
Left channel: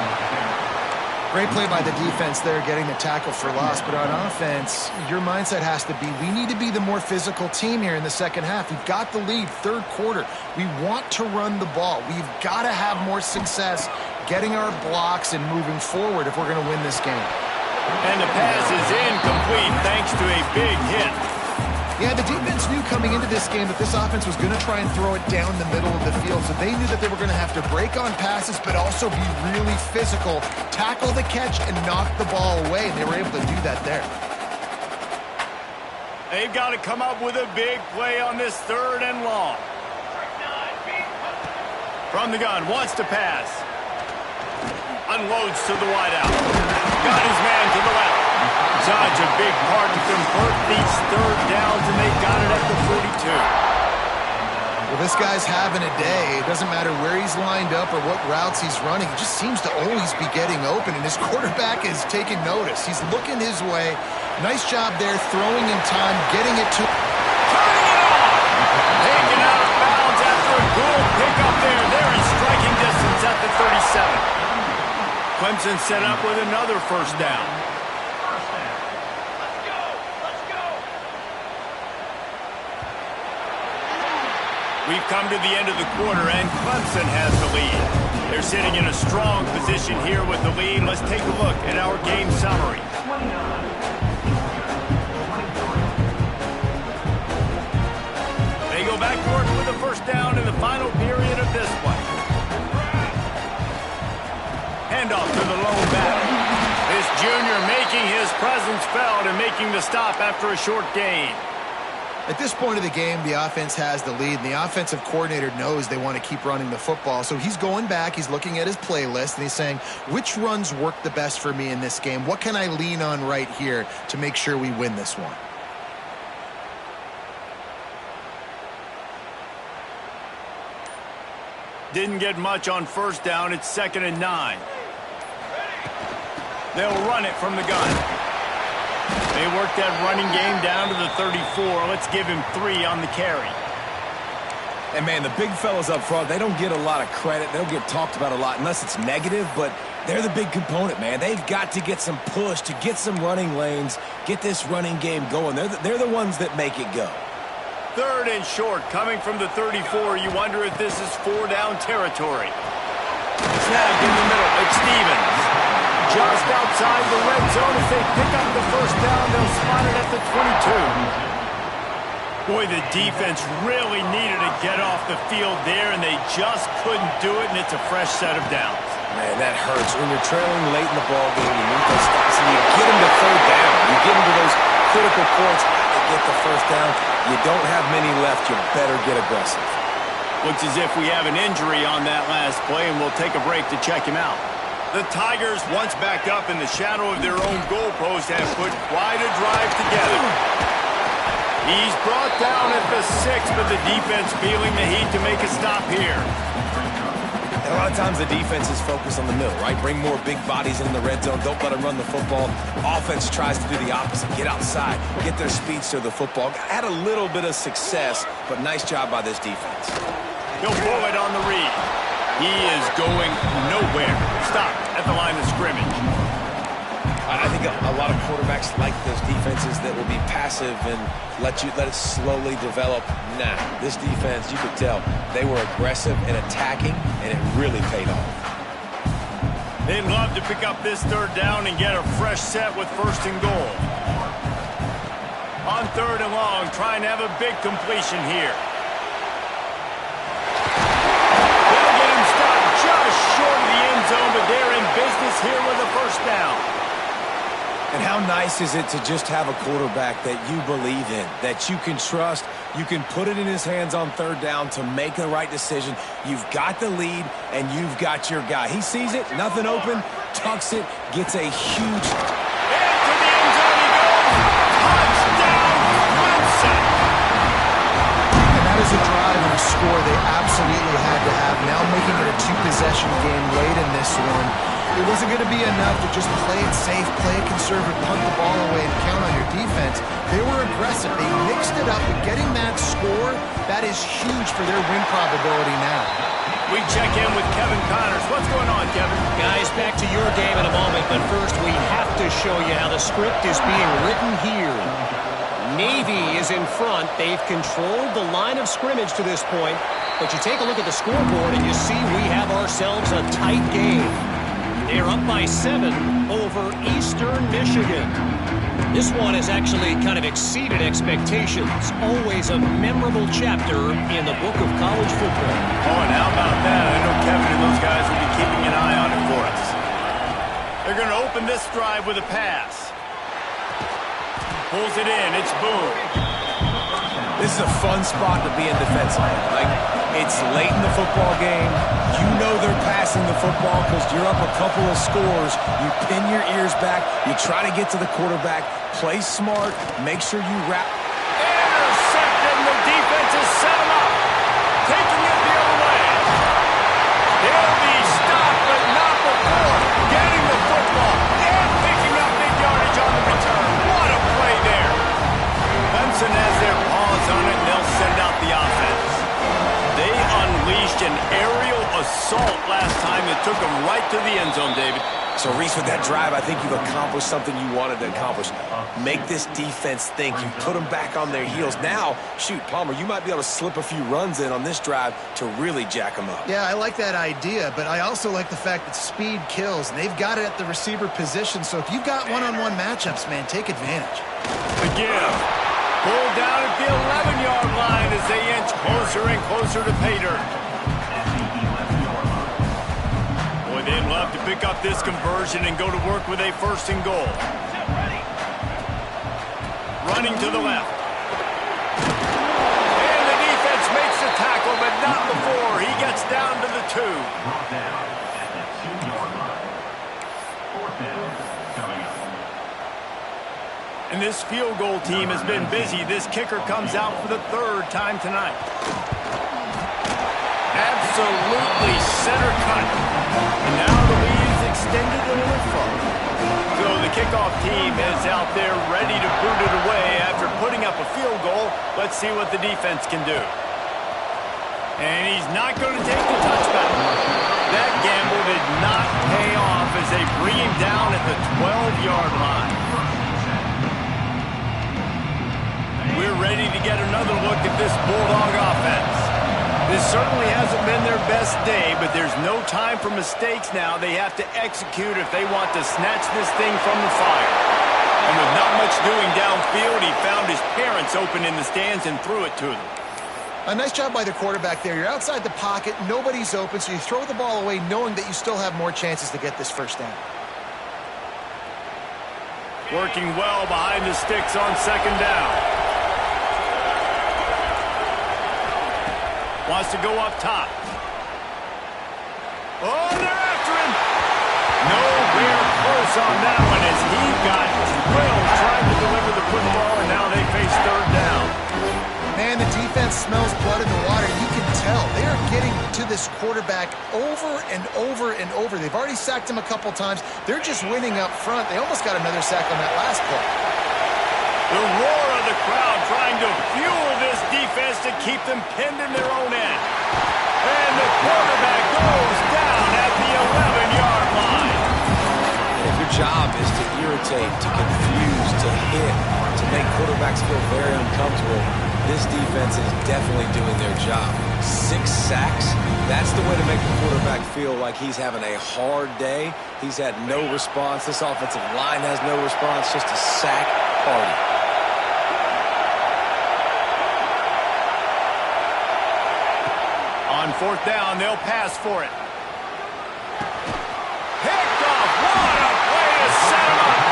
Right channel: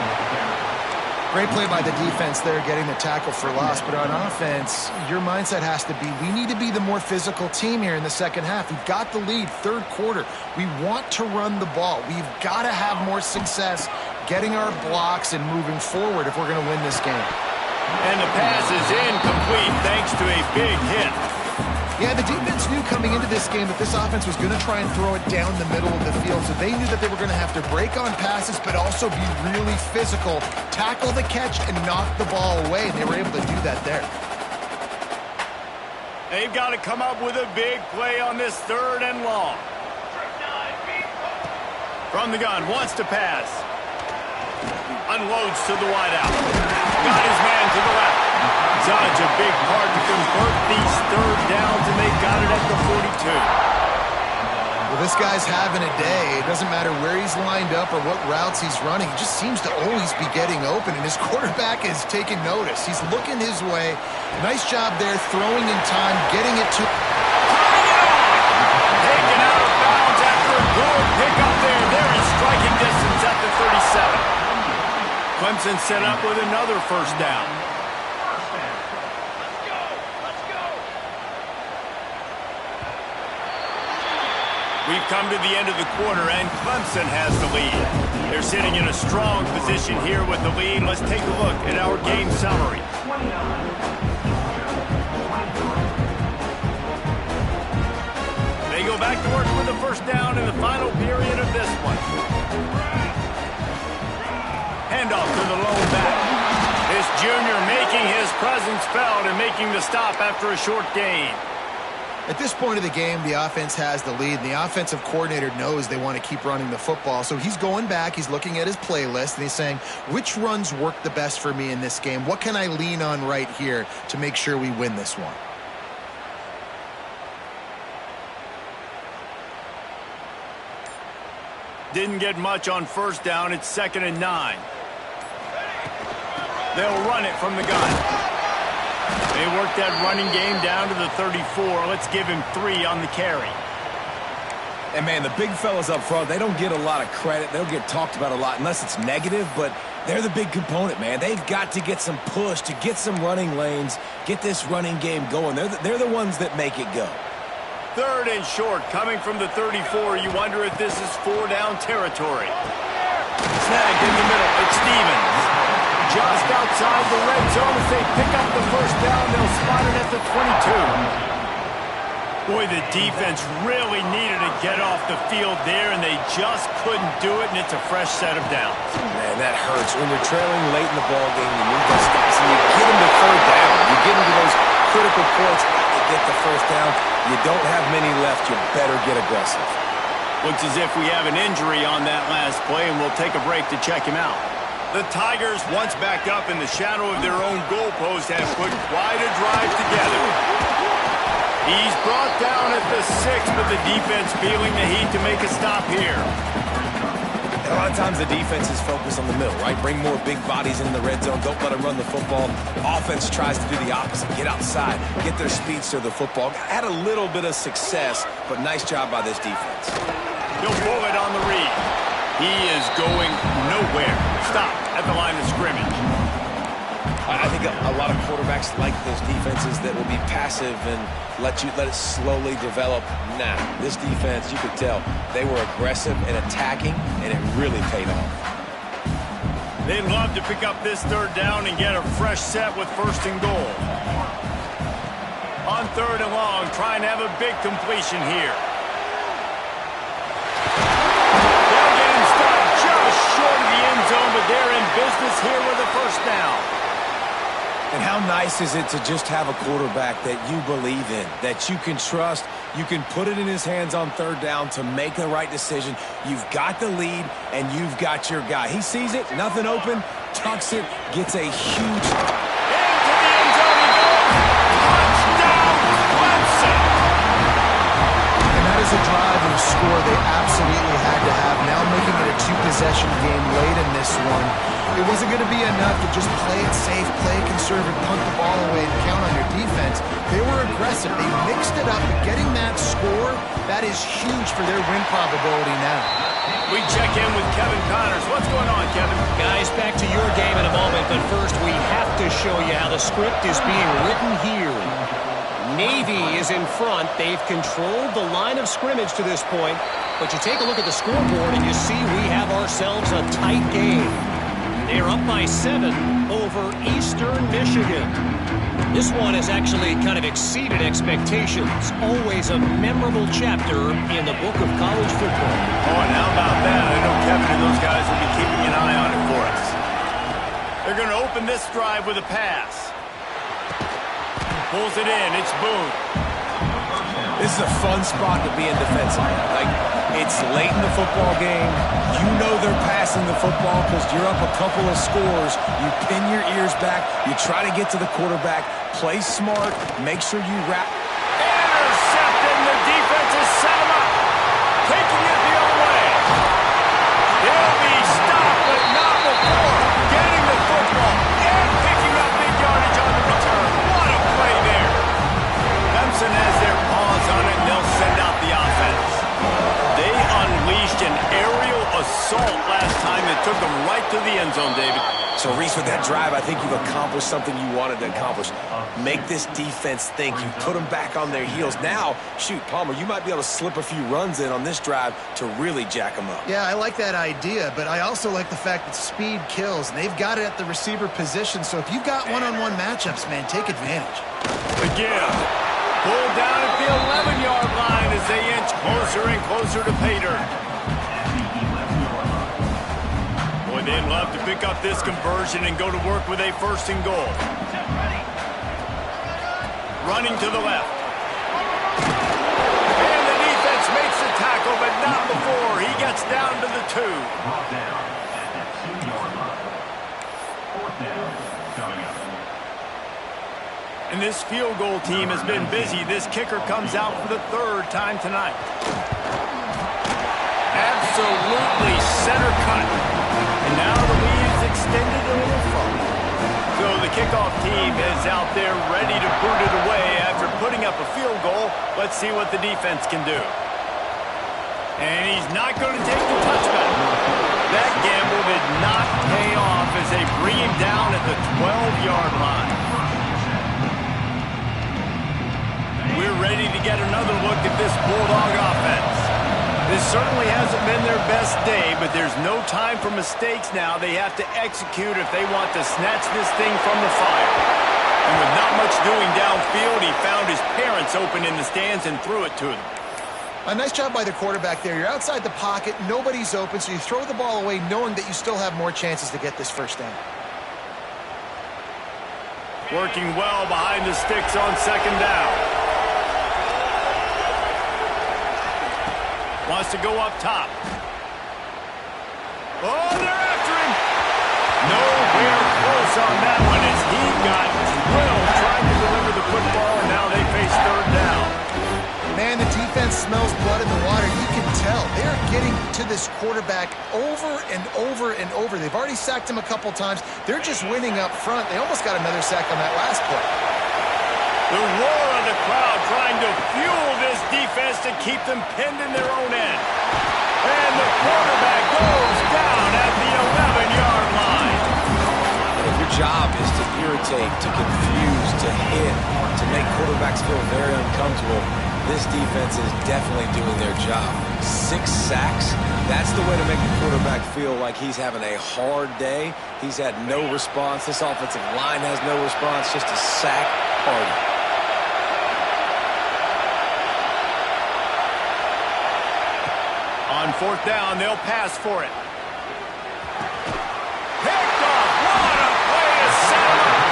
Great play by the defense there, getting the tackle for loss. But on offense, your mindset has to be, we need to be the more physical team here in the 2nd half. We've got the lead, 3rd quarter. We want to run the ball. We've got to have more success getting our blocks and moving forward if we're going to win this game. And the pass is incomplete thanks to a big hit. Yeah, the defense knew coming into this game that this offense was going to try and throw it down the middle of the field, so they knew that they were going to have to break on passes but also be really physical, tackle the catch, and knock the ball away, and they were able to do that there. They've got to come up with a big play on this 3rd and long. From the gun, wants to pass. Unloads to the wideout. Got his man to the left. Such a big part to convert these 3rd downs, and they got it at the 42. Well, this guy's having a day. It doesn't matter where he's lined up or what routes he's running. He just seems to always be getting open, and his quarterback is taking notice. He's looking his way. Nice job there, throwing in time, getting it to... Turning it on! Taken out of bounds after a good pickup there. They're in striking distance at the 37. Clemson set up with another 1st down. We've come to the end of the quarter, and Clemson has the lead. They're sitting in a strong position here with the lead. Let's take a look at our game summary. They go back to work with the 1st down in the final period of this one. Handoff to the lone back. This junior making his presence felt and making the stop after a short gain. At this point of the game, the offense has the lead, and the offensive coordinator knows they want to keep running the football. So he's going back, he's looking at his playlist, and he's saying, which runs work the best for me in this game? What can I lean on right here to make sure we win this one? Didn't get much on 1st down. It's 2nd and 9. They'll run it from the gun. They work that running game down to the 34. Let's give him 3 on the carry. And, man, the big fellas up front, they don't get a lot of credit. They'll get talked about a lot unless it's negative, but they're the big component, man. They've got to get some push, to get some running lanes, get this running game going. They're the ones that make it go. 3rd and short, coming from the 34. You wonder if this is 4-down territory. Snagged in the middle. It's Stevens. Just outside the red zone as they pick up the first down. They'll spot it at the 22. Boy, the defense really needed to get off the field there, and they just couldn't do it, and it's a fresh set of downs. Man, that hurts. When you're trailing late in the ballgame, you need those stops, and you get them to 3rd down. You get into those critical points, to get the first down. You don't have many left. You better get aggressive. Looks as if we have an injury on that last play, and we'll take a break to check him out. The Tigers, once back up in the shadow of their own goalpost, have put quite a drive together. He's brought down at the 6, but the defense feeling the heat to make a stop here. And a lot of times the defense is focused on the middle, right? Bring more big bodies in the red zone. Don't let them run the football. Offense tries to do the opposite. Get outside. Get their speedster the football. Had a little bit of success, but nice job by this defense. He'll pull it on the read. He is going nowhere. Stop at the line of scrimmage. I think a lot of quarterbacks like those defenses that will be passive and let it slowly develop. Nah, this defense, you could tell, they were aggressive and attacking, and it really paid off. They'd love to pick up this 3rd down and get a fresh set with 1st and goal. On 3rd and long, trying to have a big completion here. They'll get him stopped just short of the end zone, but they're in business here with a 1st down. And how nice is it to just have a quarterback that you believe in, that you can trust, you can put it in his hands on 3rd down to make the right decision. You've got the lead, and you've got your guy. He sees it, nothing open, tucks it, gets a huge... Into the end zone he goes. Touchdown, Clemson. And that is a drive and a score they absolutely had to have. Now making it a 2-possession game late in this one. It wasn't going to be enough to just play it safe, play it conservative, punt the ball away, and count on your defense. They were aggressive. They mixed it up, but getting that score, that is huge for their win probability now. We check in with Kevin Connors. What's going on, Kevin? Guys, back to your game in a moment, but first we have to show you how the script is being written here. Navy is in front. They've controlled the line of scrimmage to this point, but you take a look at the scoreboard and you see we have ourselves a tight game. They're up by 7 over Eastern Michigan. This one has actually kind of exceeded expectations. Always a memorable chapter in the book of college football. Oh, and how about that? I know Kevin and those guys will be keeping an eye on it for us. They're going to open this drive with a pass. Pulls it in. It's Boone. This is a fun spot to be in defensively. Like, it's late in the football game. You know they're passing the football because you're up a couple of scores. You pin your ears back. You try to get to the quarterback. Play smart. Make sure you wrap. Intercepted, and the defense has set him up. Taking it the other way. He'll be stopped, but not before getting the football and picking up big yardage on the return. What a play there. Clemson has their paws on it, and they'll send out the offense. They unleashed an aerial assault last time that took them right to the end zone, David. So, Reese, with that drive, I think you've accomplished something you wanted to accomplish. Make this defense think. You put them back on their heels. Now, shoot, Palmer, you might be able to slip a few runs in on this drive to really jack them up. Yeah, I like that idea, but I also like the fact that speed kills, and they've got it at the receiver position. So if you've got one-on-one matchups, man, take advantage. Again. Pulled down at the 11-yard line as they inch closer and closer to pay dirt. Boy, they'd love to pick up this conversion and go to work with a 1st and goal. Running to the left. And the defense makes the tackle, but not before. He gets down to the 2. Brought down at the 2-yard line. 4th down coming up. And this field goal team has been busy. This kicker comes out for the 3rd time tonight. Absolutely center cut. And now the lead is extended a little further. So the kickoff team is out there ready to boot it away after putting up a field goal. Let's see what the defense can do. And he's not going to take the touchback. That gamble did not pay off as they bring him down at the 12-yard line. We're ready to get another look at this Bulldog offense. This certainly hasn't been their best day, but there's no time for mistakes now. They have to execute if they want to snatch this thing from the fire. And with not much doing downfield, he found his parents open in the stands and threw it to them. A nice job by the quarterback there. You're outside the pocket, nobody's open, so you throw the ball away knowing that you still have more chances to get this first down. Working well behind the sticks on second down. Wants to go up top. Oh, they're after him. Nowhere close on that one as he got drilled trying to deliver the football, and now they face third down. Man, the defense smells blood in the water. You can tell. They are getting to this quarterback over and over and over. They've already sacked him a couple times. They're just winning up front. They almost got another sack on that last play. The roar of the crowd trying to fuel this defense to keep them pinned in their own end. And the quarterback goes down at the 11-yard line. And if your job is to irritate, to confuse, to hit, to make quarterbacks feel very uncomfortable, this defense is definitely doing their job. 6 sacks, that's the way to make the quarterback feel like he's having a hard day. He's had no response. This offensive line has no response, just a sack party. On fourth down, they'll pass for it. Picked off. What a play to set him up.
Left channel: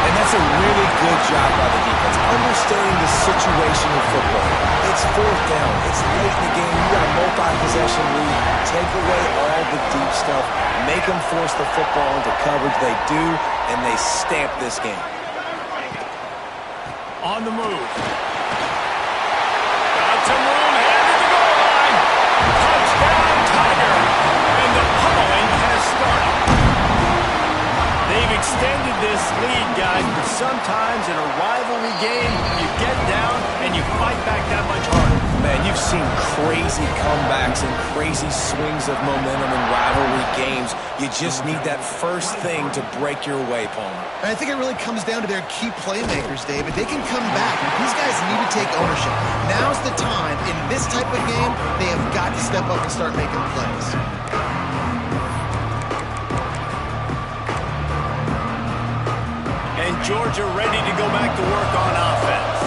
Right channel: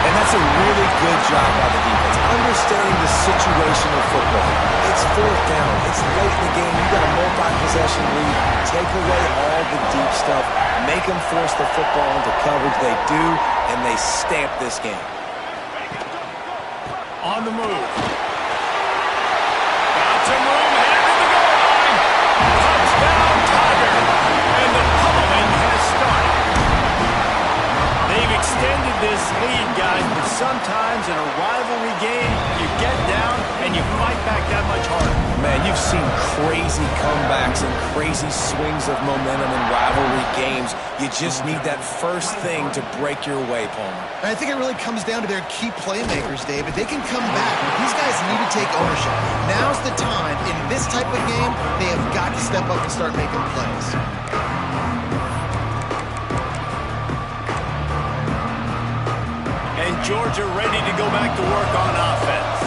And that's a really good job by the defense, understanding the situation of football. It's fourth down. It's late in the game. You got a multi-possession lead. Take away all the deep stuff. Make them force the football into coverage. They do, and they stamp this game. On the move. Got some room, headed to the goal line. Touchdown, Tiger. And the pummeling has started. They've extended this lead, guys, but sometimes in a rivalry game, you get down and you fight back that much harder. Man, you've seen crazy comebacks and crazy swings of momentum in rivalry games. You just need that first thing to break your way, Palmer. And I think it really comes down to their key playmakers, David. They can come back. These guys need to take ownership. Now's the time. In this type of game, they have got to step up and start making plays. And Georgia ready to go back to work on offense.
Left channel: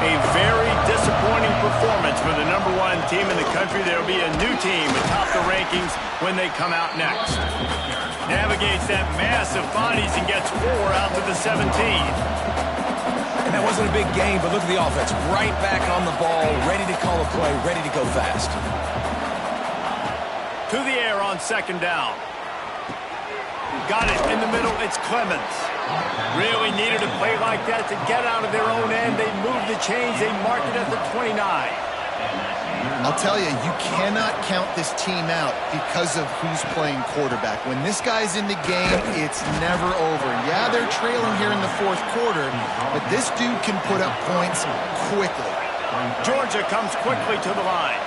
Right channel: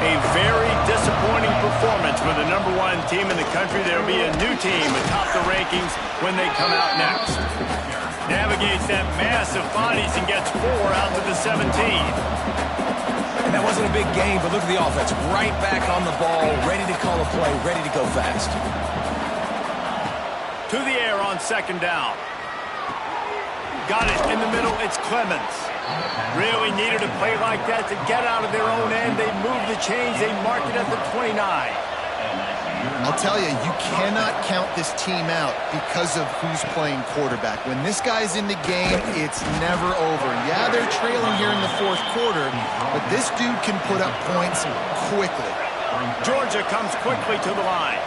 A very disappointing performance for the #1 team in the country. There will be a new team atop the rankings when they come out next. Navigates that mass of bodies and gets 4 out to the 17. And that wasn't a big game, but look at the offense. Right back on the ball, ready to call a play, ready to go fast. To the air on second down. Got it in the middle. It's Clemens. Really needed a play like that to get out of their own end. They move the chains. They mark it at the 29. I'll tell you, you cannot count this team out because of who's playing quarterback. When this guy's in the game, it's never over. Yeah, they're trailing here in the fourth quarter, but this dude can put up points quickly. Georgia comes quickly to the line.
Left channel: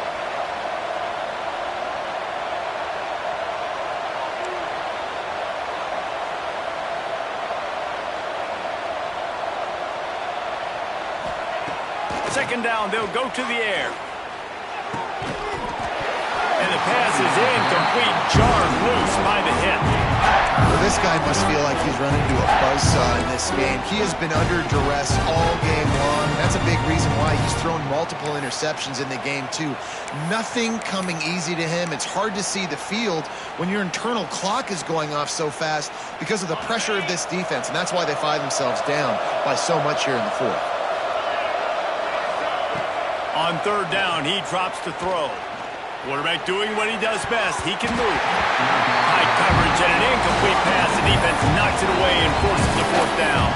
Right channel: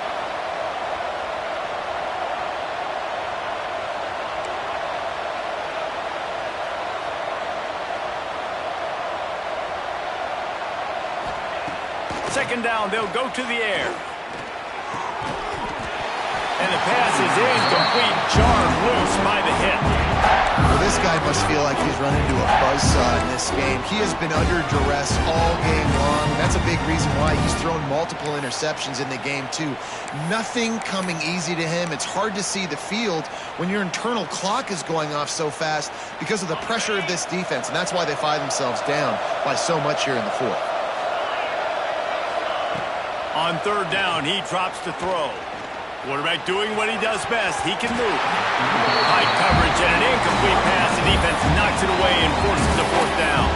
Second down, they'll go to the air. And the pass is incomplete, jarred loose by the hit. Well, this guy must feel like he's run into a buzzsaw in this game. He has been under duress all game long. That's a big reason why he's thrown multiple interceptions in the game, too. Nothing coming easy to him. It's hard to see the field when your internal clock is going off so fast because of the pressure of this defense, and that's why they find themselves down by so much here in the fourth. On third down, he drops to throw. Quarterback doing what he does best. He can move. High coverage and an incomplete pass. The defense knocks it away and forces a fourth down.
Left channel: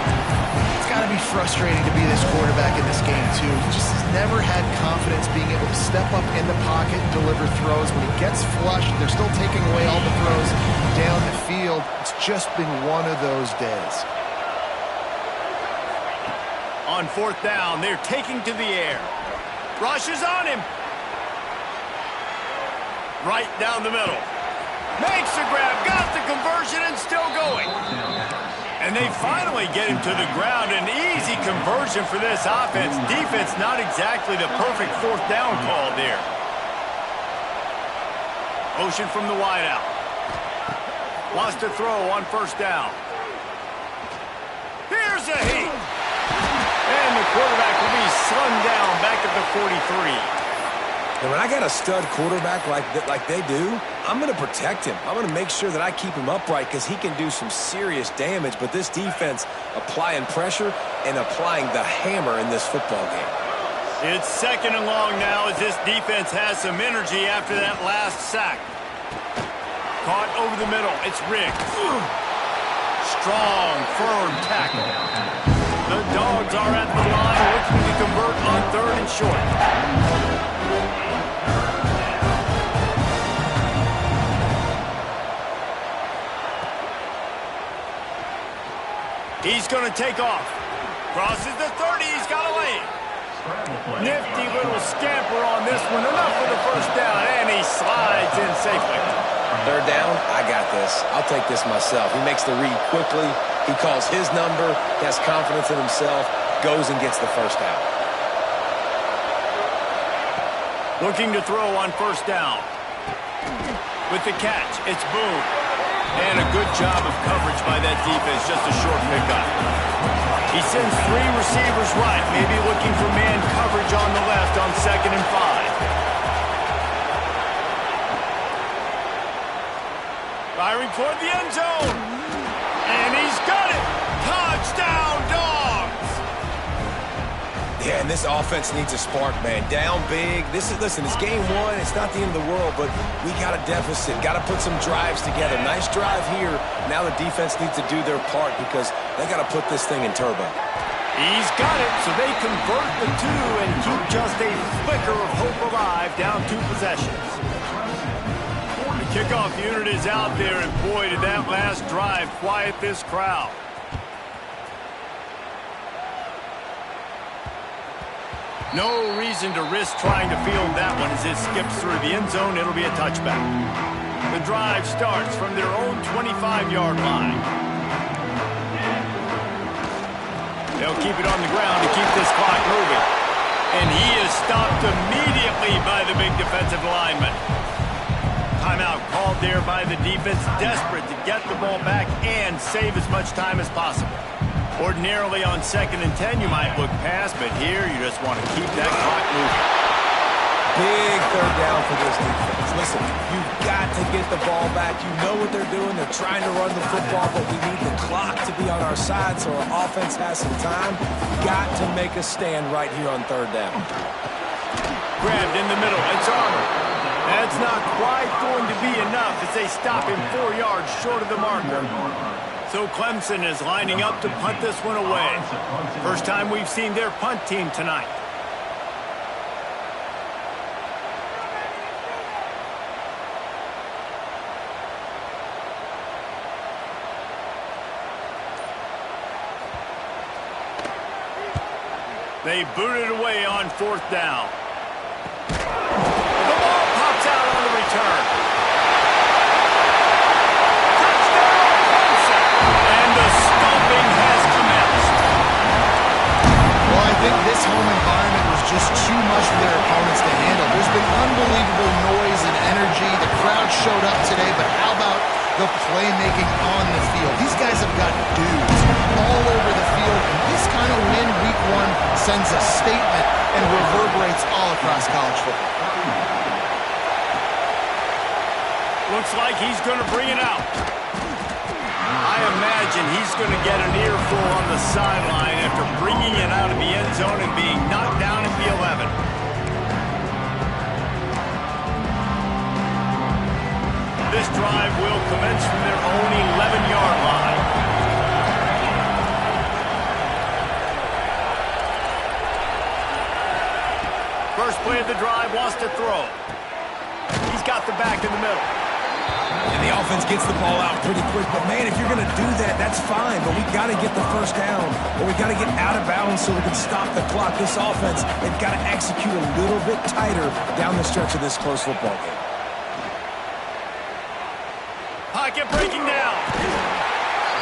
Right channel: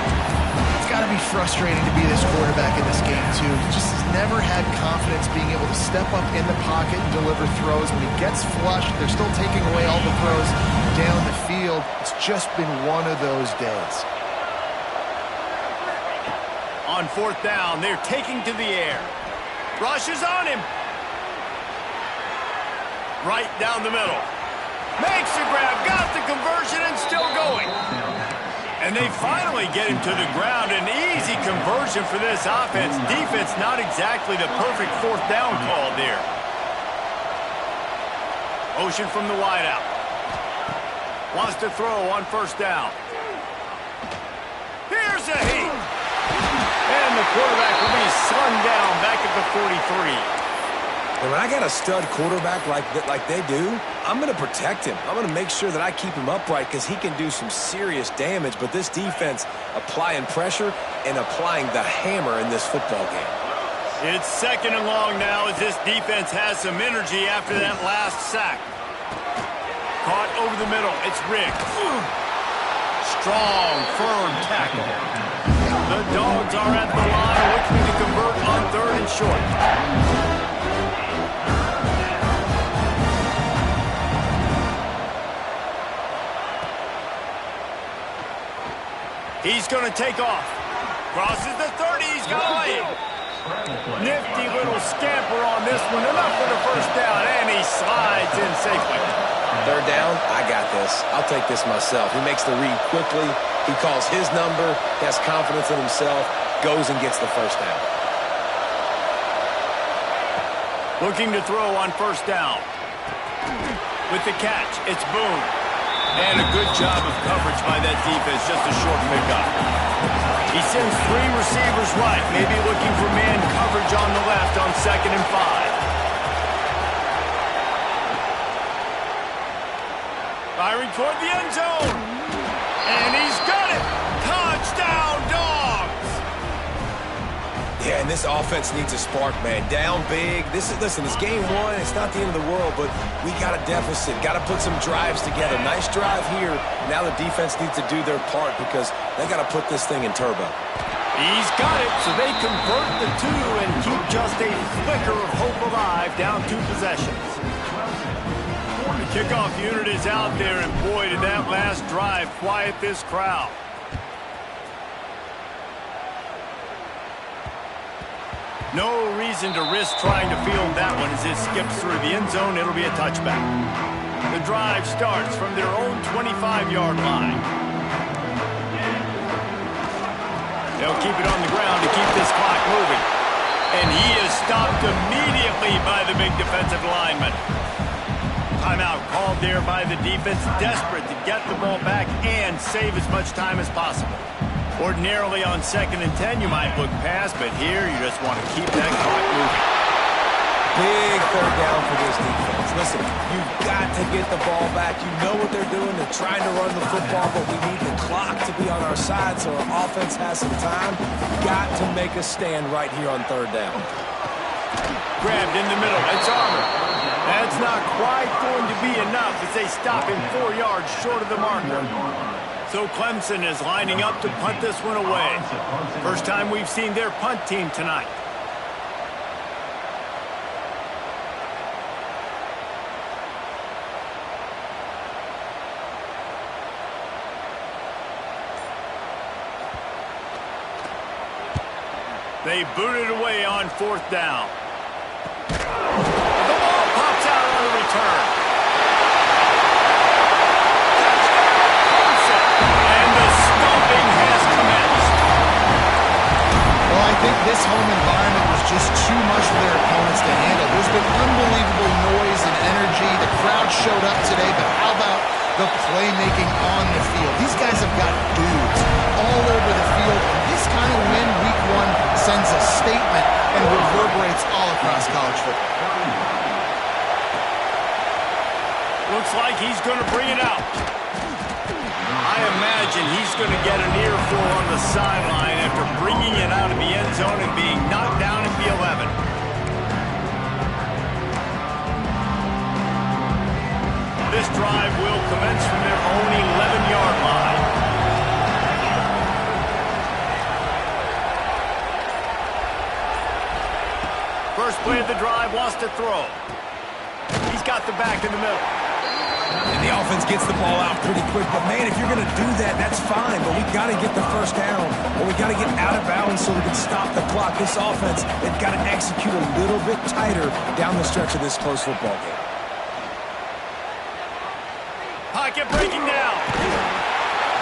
It's got to be frustrating to be this quarterback in this game, too. He just has never had confidence being able to step up in the pocket and deliver throws. When he gets flushed, they're still taking away all the throws down the field. It's just been one of those days. On fourth down, they're taking to the air. Rush is on him. right down the middle. Makes the grab, got the conversion, and still going. And they finally get him to the ground. An easy conversion for this offense. Defense, not exactly the perfect fourth down call there. Motion from the wideout. Wants to throw on first down. Here's a heat. And the quarterback will be slung down back at the 43. And when I got a stud quarterback like they do, I'm going to protect him. I'm going to make sure that I keep him upright because he can do some serious damage. But this defense applying pressure and applying the hammer in this football game. It's second and long now as this defense has some energy after that last sack. Caught over the middle. It's Riggs. Strong, firm tackle. The Dogs are at the line looking to convert on third and short. He's going to take off. Crosses the 30. He's got a lane. Nifty little scamper on this one. Enough for the first down, and he slides in safely. Third down, I got this. I'll take this myself. He makes the read quickly. He calls his number. He has confidence in himself. Goes and gets the first down. Looking to throw on first down. With the catch, it's Boone. And a good job of coverage by that defense. Just a short pickup. He sends three receivers right. Maybe looking for man coverage on the left on 2nd and 5. Firing toward the end zone. And he's got it. Touchdown, Dogs. Yeah, and this offense needs a spark, man. Down big. Listen, it's game one. It's not the end of the world, but we got a deficit. Got to put some drives together. Nice drive here. Now the defense needs to do their part because they got to put this thing in turbo. He's got it, so they convert the two and keep just a flicker of hope alive, down 2 possessions. The kickoff unit is out there, and boy, did that last drive quiet this crowd. No reason to risk trying to field that one as it skips through the end zone. It'll be a touchback. The drive starts from their own 25-yard line. They'll keep it on the ground to keep this clock moving. And he is stopped immediately by the big defensive lineman. Timeout called there by the defense, desperate to get the ball back and save as much time as possible. Ordinarily on 2nd and 10, you might look past, but here you just want to keep that clock moving. Big third down for this defense. Listen, you've got to get the ball back. You know what they're doing. They're trying to run the football, but we need the clock to be on our side so our offense has some time. Got to make a stand right here on third down. Grabbed in the middle. It's Armour. That's not quite going to be enough as they stop him 4 yards short of the marker. So Clemson is lining up to punt this one away. First time we've seen their punt team tonight. They boot it away on 4th down. The ball pops out on the return. Touchdown, Clemson. And the stomping has commenced. Well, I think this home environment was just too much for their opponents to handle. There's been unbelievable noise and energy. The crowd showed up today, but how about the playmaking on the field? These guys have got dudes all over the field, and this kind of win week 1 sends a statement and reverberates all across college football. Looks like he's going to bring it out. I imagine he's going to get an earful on the sideline after bringing it out of the end zone and being knocked down at the 11. This drive will commence from their own 11-yard line. First play of the drive, wants to throw. He's got the back in the middle. And the offense gets the ball out pretty quick. But, man, if you're going to do that, that's fine. But we got to get the first down, or we got to get out of bounds so we can stop the clock. This offense, they've got to execute a little bit tighter down the stretch of this close football game. pocket breaking down.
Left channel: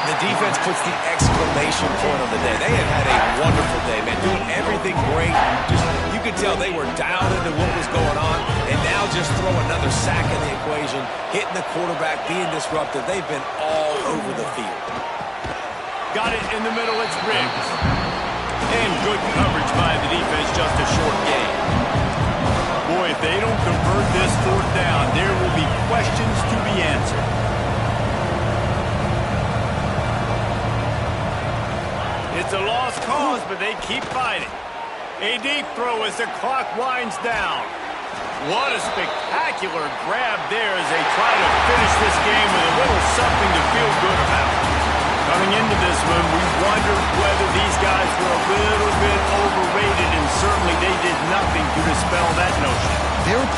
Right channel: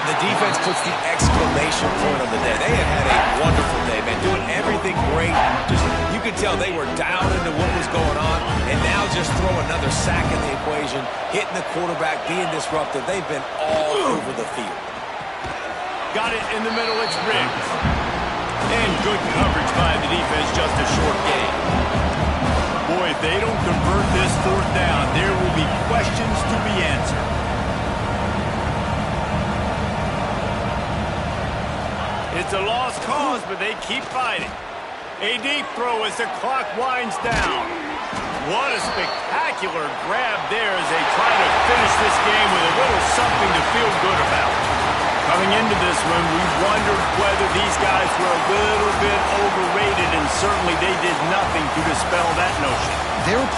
The defense puts the exclamation point on the day. They have had a wonderful day, man, doing everything great. Just, you could tell they were dialed into what was going on, and now just throw another sack in the equation, hitting the quarterback, being disruptive. They've been all over the field. Got it in the middle, it's Riggs. And good coverage by the defense, just a short gain. Boy, if they don't convert this fourth down, there will be questions to be answered. It's a lost cause, but they keep fighting. A deep throw as the clock winds down. What a spectacular grab there as they try to finish this game with a little something to feel good about. Coming into this one, we wondered whether these guys were a little bit overrated, and certainly they did nothing to dispel that notion. They were